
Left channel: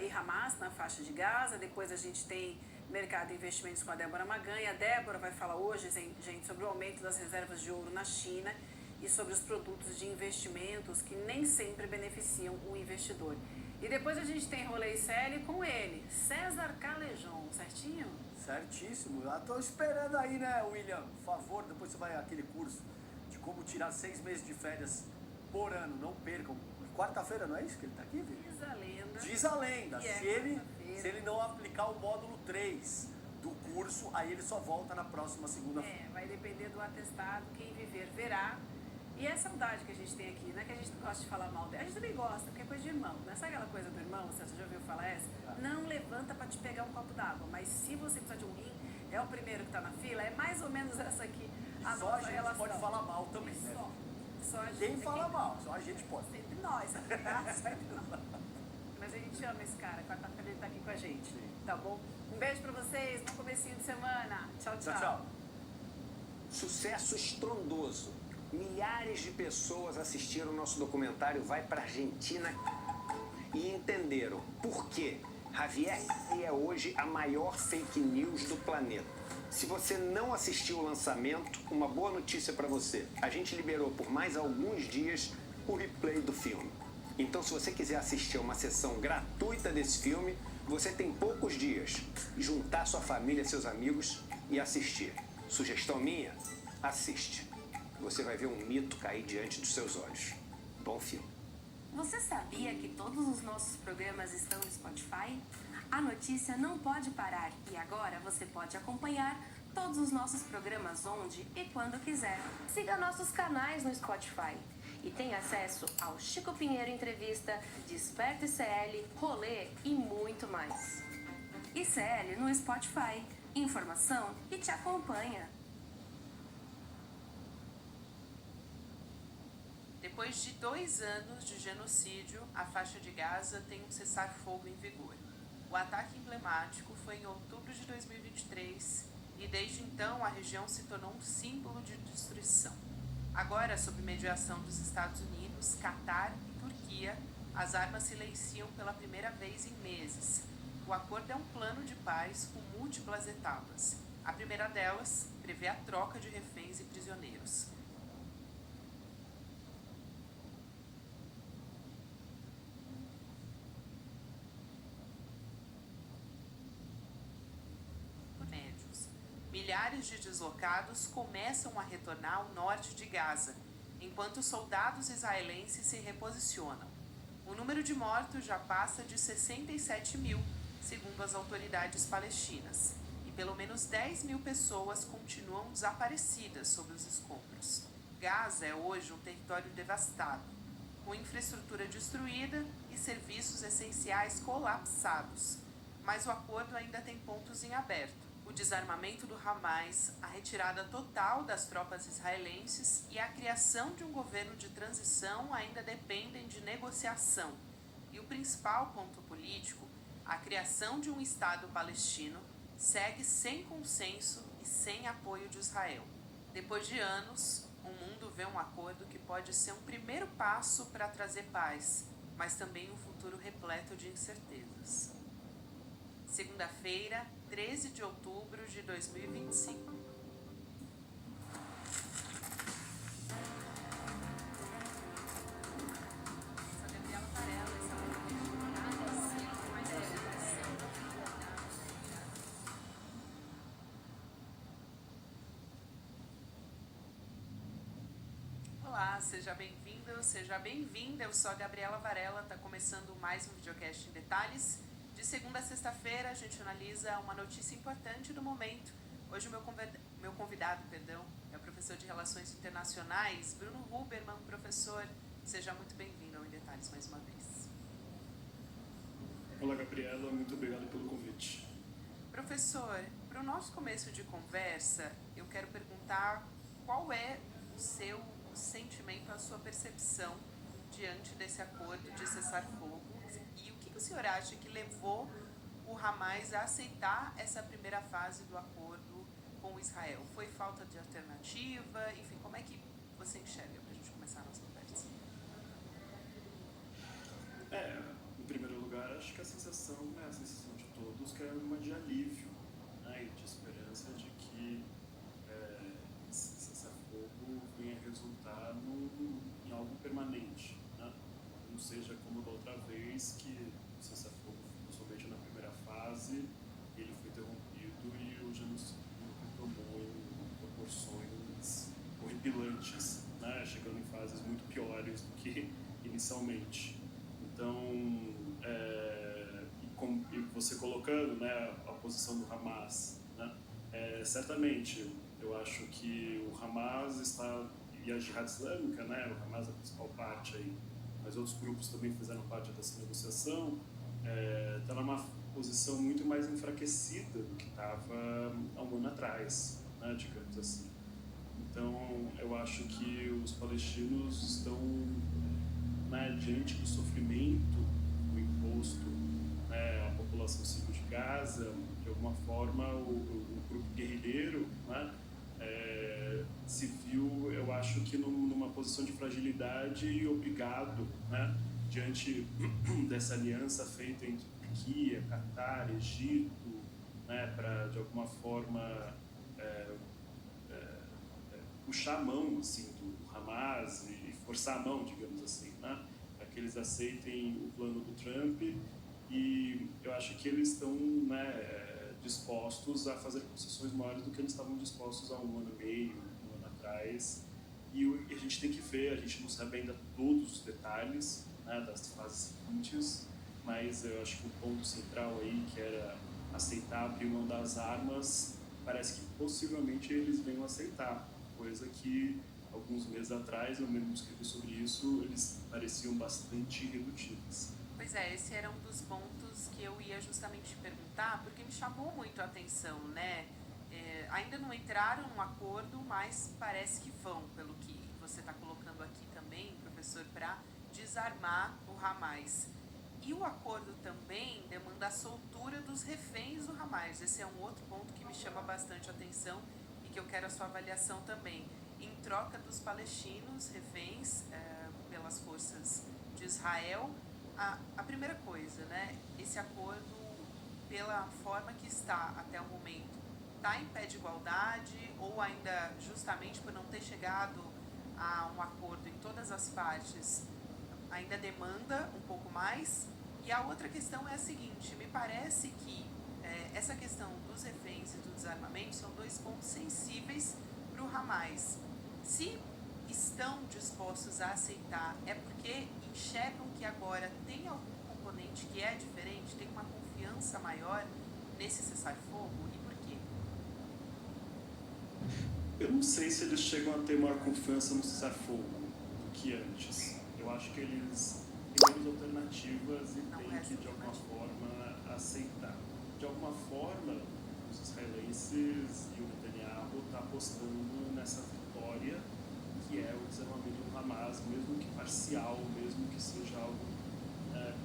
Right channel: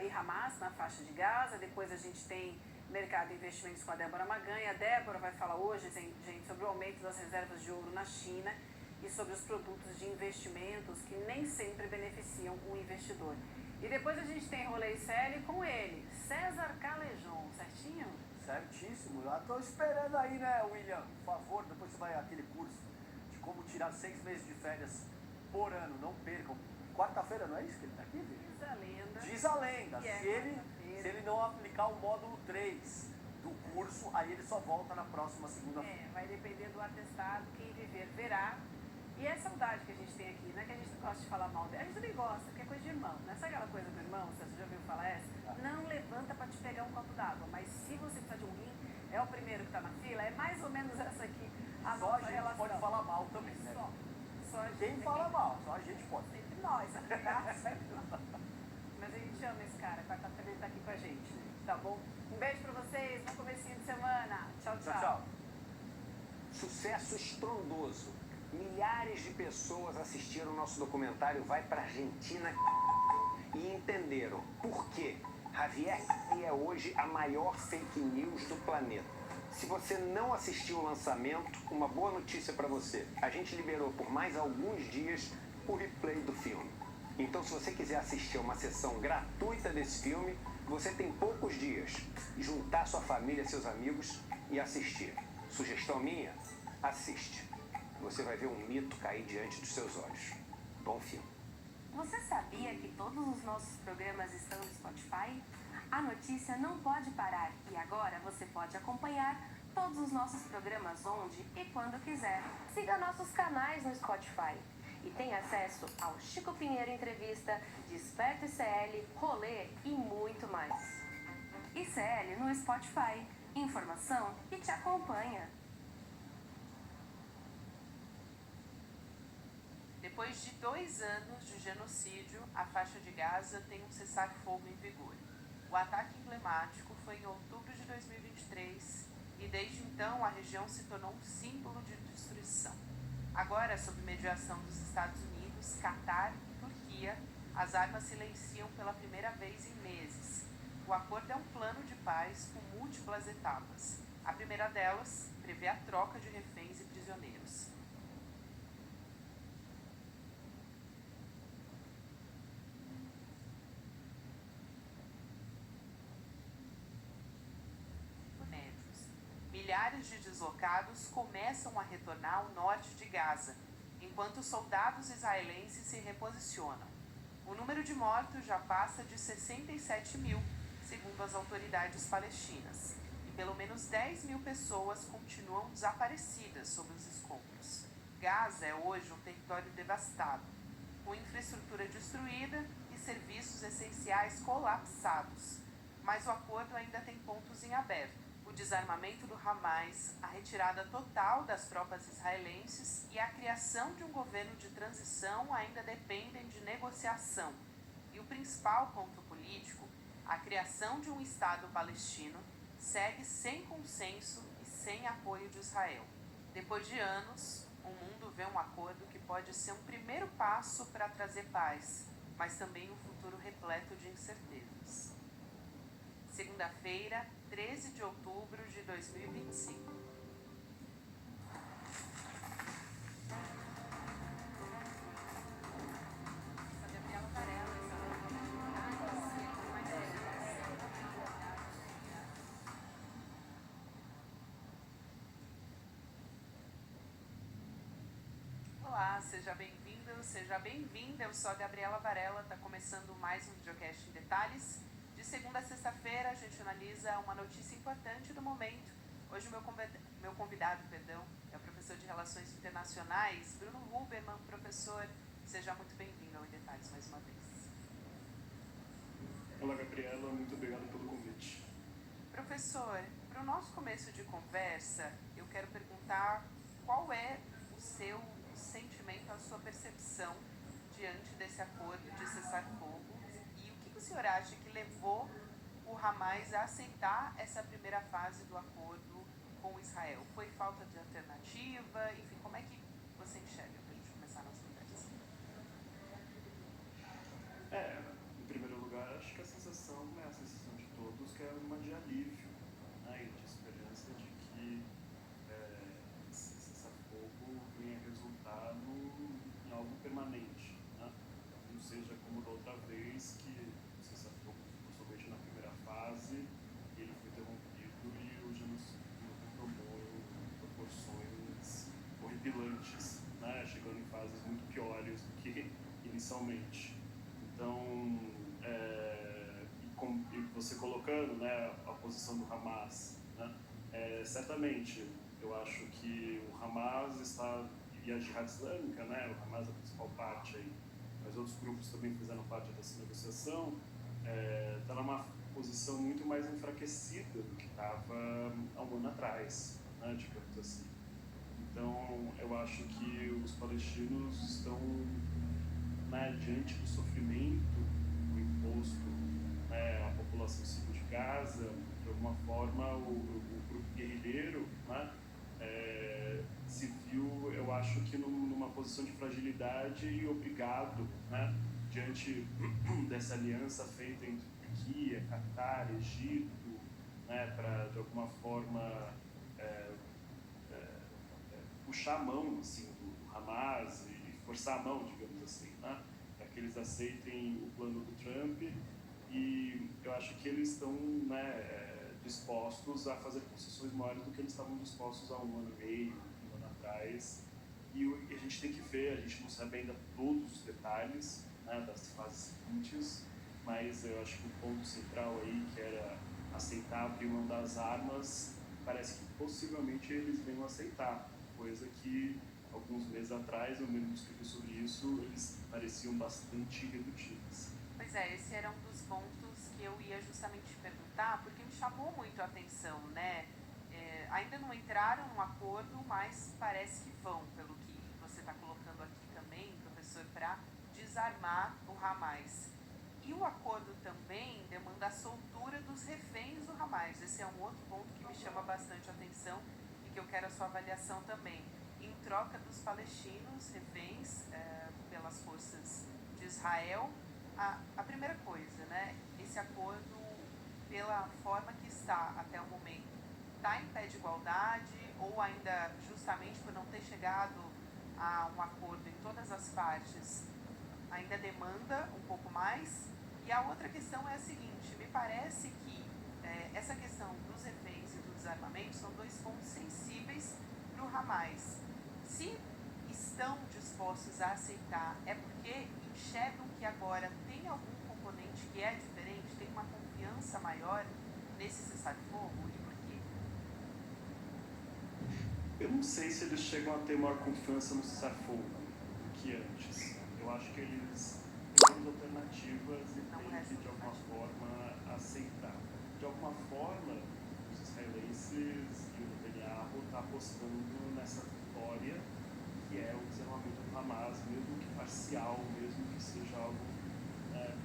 e Hamas na faixa de Gaza. Depois a gente tem Mercado de Investimentos com a Débora Maganha. A Débora vai falar hoje, gente, sobre o aumento das reservas de ouro na China e sobre os produtos de investimentos que nem sempre beneficiam o investidor. E depois a gente tem Rolê ICL com ele, César Calejon, certinho? Certíssimo. Já estou esperando aí, né, William? Por favor, depois você vai àquele curso de como tirar 6 meses de férias por ano. Não percam. Quarta-feira, não é isso que ele está aqui, viu? Diz a lenda. Diz a lenda. Se ele não aplicar o módulo 3 do curso, aí ele só volta na próxima segunda-feira. Vai depender do atestado. Quem viver, verá. E é a saudade que a gente tem aqui, não é que a gente gosta de falar mal dele. A gente também gosta, porque é coisa de irmão. Não é só aquela coisa do irmão, você já ouviu falar essa? Não levanta para te pegar um copo d'água, mas se você precisar de um rim, é o primeiro que está na fila, é mais ou menos essa aqui. Só a gente pode falar mal também, né? Só a gente. Quem fala mal, só a gente pode. Sempre nós, tá? Mas a gente ama esse cara, quarta-feira ele tá aqui com a gente, tá bom? Um beijo pra vocês, bom comecinho de semana. Tchau, tchau. Tchau. Sucesso estrondoso. Milhares de pessoas assistiram o nosso documentário Vai pra Argentina e entenderam por quê. Javier é hoje a maior fake news do planeta. Se você não assistiu o lançamento, uma boa notícia para você. A gente liberou por mais alguns dias o replay do filme. Então, se você quiser assistir a uma sessão gratuita desse filme, você tem poucos dias. Juntar sua família, seus amigos e assistir. Sugestão minha? Assiste. Você vai ver um mito cair diante dos seus olhos. Bom filme. Você sabia que todos os nossos programas estão no Spotify? A notícia não pode parar e agora você pode acompanhar todos os nossos programas onde e quando quiser. Siga nossos canais no Spotify e tenha acesso ao Chico Pinheiro Entrevista, Desperta ICL, Rolê e muito mais. ICL no Spotify. Informação que te acompanha. Depois de 2 anos de genocídio, a faixa de Gaza tem um cessar-fogo em vigor. O ataque emblemático foi em outubro de 2023 e desde então a região se tornou um símbolo de destruição. Agora, sob mediação dos Estados Unidos, Catar e Turquia, as armas silenciam pela primeira vez em meses. O acordo é um plano de paz com múltiplas etapas. A primeira delas prevê a troca de reféns e prisioneiros. Milhares de deslocados começam a retornar ao norte de Gaza, enquanto soldados israelenses se reposicionam. O número de mortos já passa de 67 mil, segundo as autoridades palestinas, e pelo menos 10 mil pessoas continuam desaparecidas sob os escombros. Gaza é hoje um território devastado, com infraestrutura destruída e serviços essenciais colapsados. Mas o acordo ainda tem pontos em aberto. O desarmamento do Hamas, a retirada total das tropas israelenses e a criação de um governo de transição ainda dependem de negociação. E o principal ponto político, a criação de um Estado palestino, segue sem consenso e sem apoio de Israel. Depois de anos, o mundo vê um acordo que pode ser um primeiro passo para trazer paz, mas também um futuro repleto de incertezas. Segunda-feira, 13 de outubro de 2025. Olá, seja bem-vindo, seja bem-vinda. Eu sou a Gabriela Varela, está começando mais um videocast em detalhes. De segunda a sexta-feira, a gente analisa uma notícia importante do momento. Hoje, o meu convidado é o professor de Relações Internacionais, Bruno Huberman. Professor, seja muito bem-vindo ao Em Detalhes mais uma vez. Olá, Gabriela, muito obrigado pelo convite. Professor, para o nosso começo de conversa, eu quero perguntar qual é o seu sentimento, a sua percepção diante desse acordo de cessar-fogo. E o que o senhor acha que levou o Hamas a aceitar essa primeira fase do acordo com Israel? Foi falta de alternativa? Enfim, como é que você enxerga para a gente começar a nossa conversa? Em primeiro lugar, acho que a sensação de todos que é uma de alívio, né, e de esperança de que esse cessar-fogo venha resultar em algo permanente, né? Não seja como da outra vez que o cessar-fogo, somente na primeira fase, ele foi interrompido e o genocídio retomou em proporções horripilantes, né? Chegando em fases muito piores do que inicialmente. Então, e você colocando, né, a posição do Hamas, né, certamente eu acho que o Hamas e a Jihad Islâmica, né, o Hamas é a principal parte aí, mas outros grupos também fizeram parte dessa negociação, está numa posição muito mais enfraquecida do que estava há um ano atrás, né, digamos assim. Então, eu acho que os palestinos estão, né, diante do sofrimento imposto, né, à população civil de Gaza, de alguma forma o grupo guerrilheiro, né, se viu, eu acho que numa posição de fragilidade e obrigado, né, diante dessa aliança feita entre Turquia, Catar, Egito, né, para de alguma forma puxar a mão assim, do Hamas e forçar a mão, digamos assim, né, para que eles aceitem o plano do Trump. E eu acho que eles estão, né, dispostos a fazer concessões maiores do que eles estavam dispostos há um ano e meio, um ano atrás. E a gente tem que ver, a gente não sabe ainda todos os detalhes, né, das fases seguintes, mas eu acho que o ponto central aí, que era aceitar abrir mão das armas, parece que possivelmente eles venham aceitar, coisa que alguns meses atrás, eu mesmo escrevi sobre isso, eles pareciam bastante irredutíveis. Pois é, esse era um dos pontos que eu ia justamente perguntar, porque me chamou muito a atenção, né? Ainda não entraram num acordo, mas parece que vão, pelo que você está colocando aqui também, professor, para desarmar o Hamas. E o acordo também demanda a soltura dos reféns do Hamas. Esse é um outro ponto que me chama bastante a atenção e que eu quero a sua avaliação também. Em troca dos palestinos, reféns pelas forças de Israel, a primeira coisa, né, esse acordo, pela forma que está até o momento, está em pé de igualdade ou ainda, justamente por não ter chegado a um acordo em todas as partes, ainda demanda um pouco mais? E a outra questão é a seguinte, me parece que essa questão dos reféns e do desarmamento são dois pontos sensíveis para o Hamas. Se estão dispostos a aceitar, é porque enxergam que agora tem algum componente que é diferente, tem uma confiança maior nesse cessar-fogo? E por quê? Eu não sei se eles chegam a ter maior confiança no cessar-fogo do que antes. Eu acho que eles têm menos alternativas e têm que, de alguma forma, aceitar. De alguma forma, os israelenses e o Netanyahu estão apostando nessa vitória, que é o desarmamento do Hamas, mesmo que parcial, mesmo que seja algo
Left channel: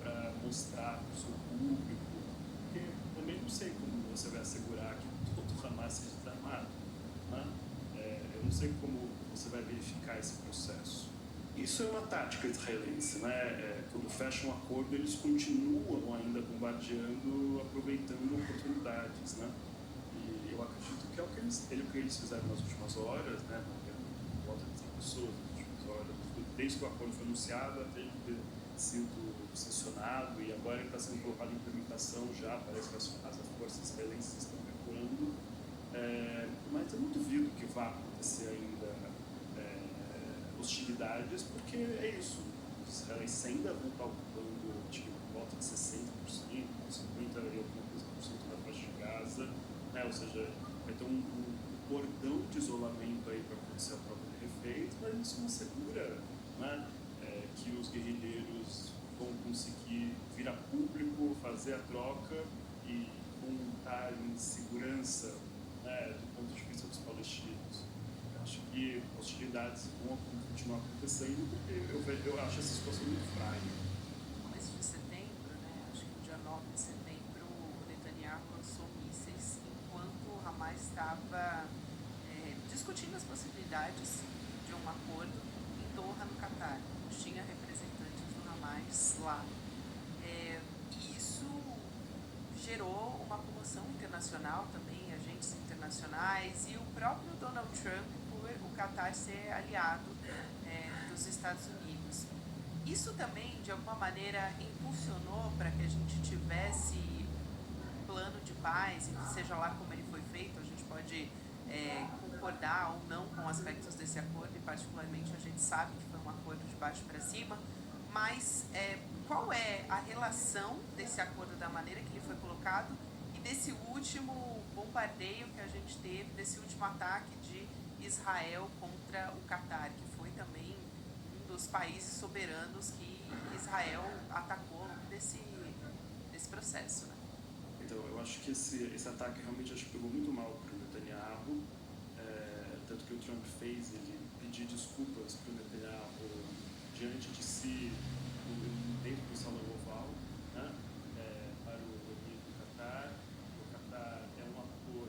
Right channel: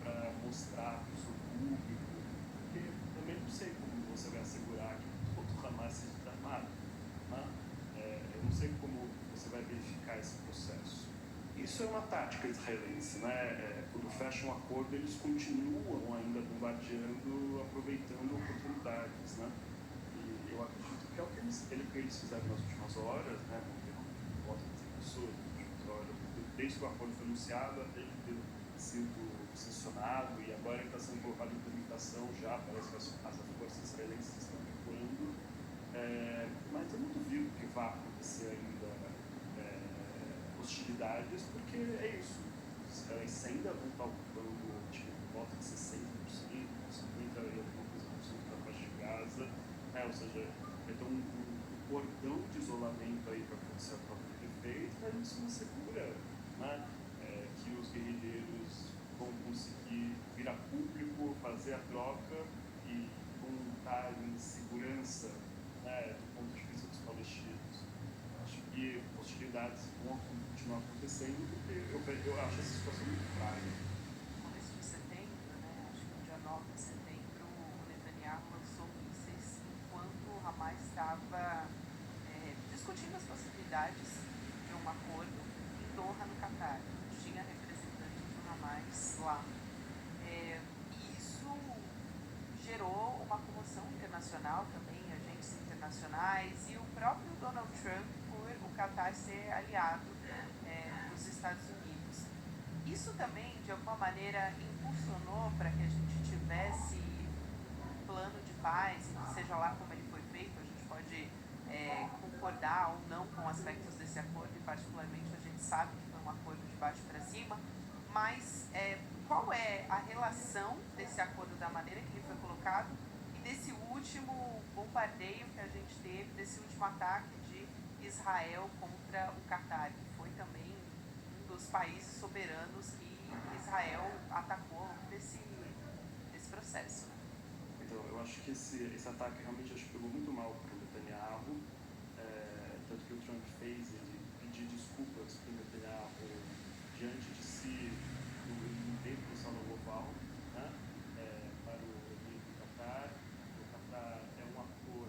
para mostrar para o seu público. Porque também não sei como você vai assegurar que todo o Hamas seja desarmado. Né? Eu não sei como você vai verificar esse processo. Isso é uma tática israelense, né? Quando fecham um acordo, eles continuam ainda bombardeando, aproveitando oportunidades, né? E eu acredito que é o que eles fizeram nas últimas horas, né? Volta de 100 pessoas nas últimas horas, desde que o acordo foi anunciado até ele ter sido sancionado, e agora ele está sendo colocado em implementação já, parece que as forças israelenses estão recuando, mas eu não duvido que vá acontecer ainda hostilidades, porque é isso, os israelenses ainda vão estar ocupando volta de 60%, 50% e alguma coisa por cento da faixa de Gaza, né? Ou seja, vai ter um cordão de isolamento aí para acontecer a troca de reféns, mas isso não assegura, né, que os guerrilheiros vão conseguir vir a público, fazer a troca e vão estar em segurança, né, do ponto de vista dos palestinos. Eu acho que hostilidades vão continuar acontecendo, porque eu acho essa situação muito frágil. Nesse de setembro, né, acho que no dia 9 de setembro, o Netanyahu lançou mísseis enquanto o Hamas estava discutindo as possibilidades de um acordo em Doha, no Catar. Tinha representantes do Hamas lá. E isso gerou uma comoção internacional também, agentes internacionais e o próprio Donald Trump por o Catar ser aliado dos Estados Unidos. Isso também, de alguma maneira, impulsionou para que a gente tivesse um plano de paz, e seja lá como ele foi feito, a gente pode concordar ou não com aspectos desse acordo, e particularmente a gente sabe que foi um acordo de baixo para cima, mas qual é a relação desse acordo, da maneira que ele foi colocado, e desse último bombardeio que a gente teve, desse último ataque de Israel contra o Catar, que foi também um dos países soberanos que Israel atacou desse processo? Então, eu acho que esse ataque realmente pegou muito mal para o Netanyahu, tanto que o Trump fez ele pedir desculpas para o Netanyahu diante de si, dentro do Salão Oval, né, para o evento do Catar. O Catar é um ator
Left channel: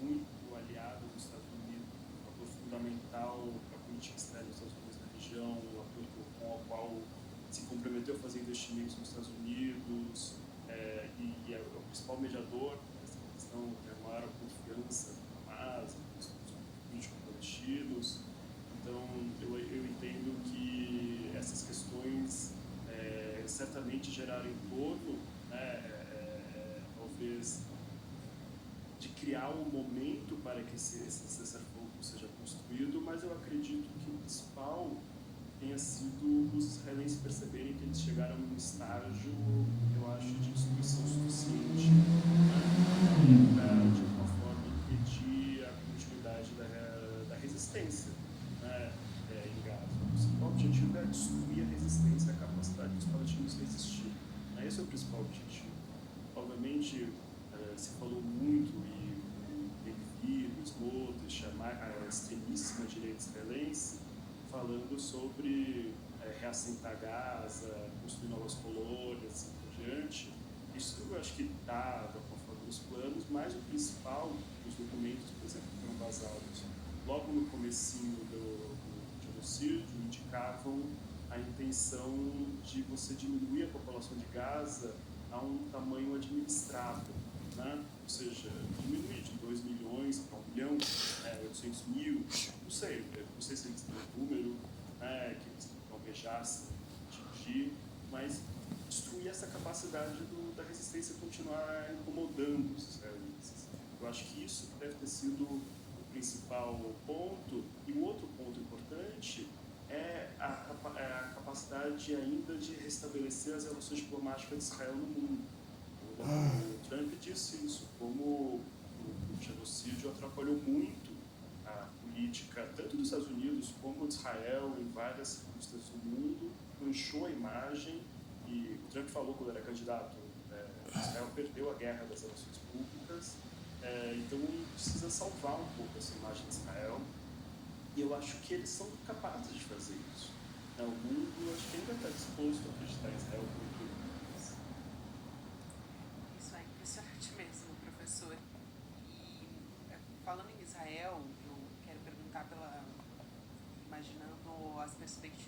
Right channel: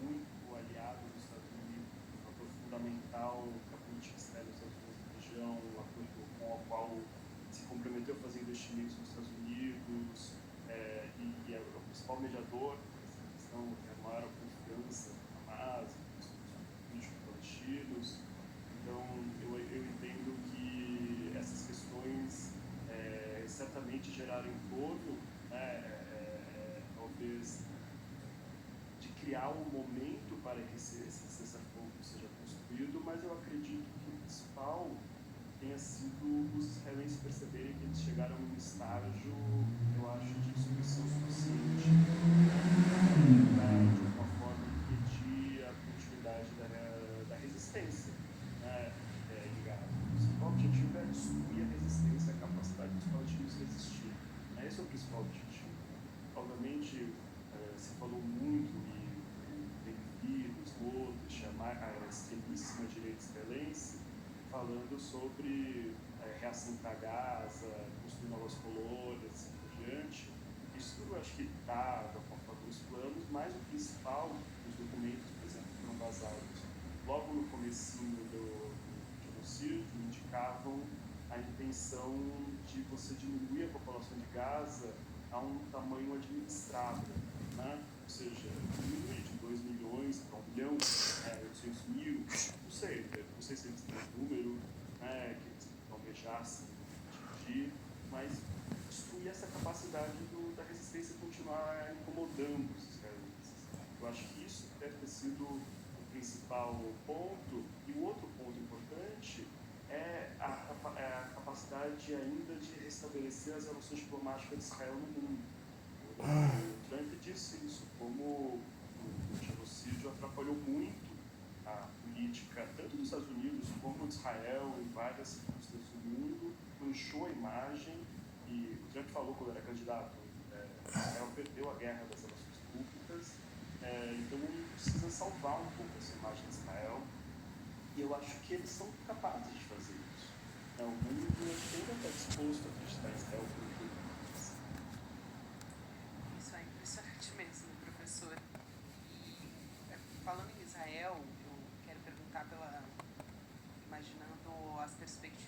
muito aliado dos Estados Unidos, um ator fundamental para a política externa dos Estados Unidos na região, um ator com o qual se comprometeu a fazer investimentos nos Estados Unidos, e é o principal mediador dessa questão, que é a maior confiança do Hamas, dos políticos palestinos. Então, eu entendo que essas questões certamente geraram em torno, talvez, de criar um momento para que esse cessar-fogo seja construído, mas eu acredito que o principal tenha sido os israelenses perceberem que eles chegaram num estágio, eu acho, de destruição suficiente, para, de alguma forma, impedir a continuidade da resistência, né, em Gaza. O principal objetivo é destruir a resistência, a capacidade dos palestinos resistirem. Esse é o principal objetivo. Obviamente, se falou muito e Benvir, Smotrich, a extremíssima direita israelense, falando sobre reassentar Gaza, construir novas colônias, assim por diante. Isso eu acho que está, de alguma forma, nos planos, mas o principal, os documentos, por exemplo, que foram vazados logo no comecinho do genocídio, indicavam a intenção de você diminuir a população de Gaza a um tamanho administrável, né? Ou seja, diminuir de 2 milhões para 1 milhão, 800 mil, não sei se eles têm um número, que eles almejassem atingir, mas destruir essa capacidade da resistência continuar incomodando os israelenses. Eu acho que isso deve ter sido o principal ponto, e o outro ponto importante é a capacidade ainda de restabelecer as relações diplomáticas de Israel no mundo. O Trump disse isso, como o genocídio atrapalhou muito a política, tanto dos Estados Unidos como de Israel, em várias circunstâncias do mundo, manchou a imagem, e o Trump falou quando era candidato, Israel perdeu a guerra das relações públicas, então ele precisa salvar um pouco essa imagem de Israel, e eu acho que eles são capazes de fazer isso. O mundo, acho que ainda está disposto a acreditar em Israel como tudo. Isso é impressionante mesmo, professor. Falando em Israel, eu quero perguntar imaginando as perspectivas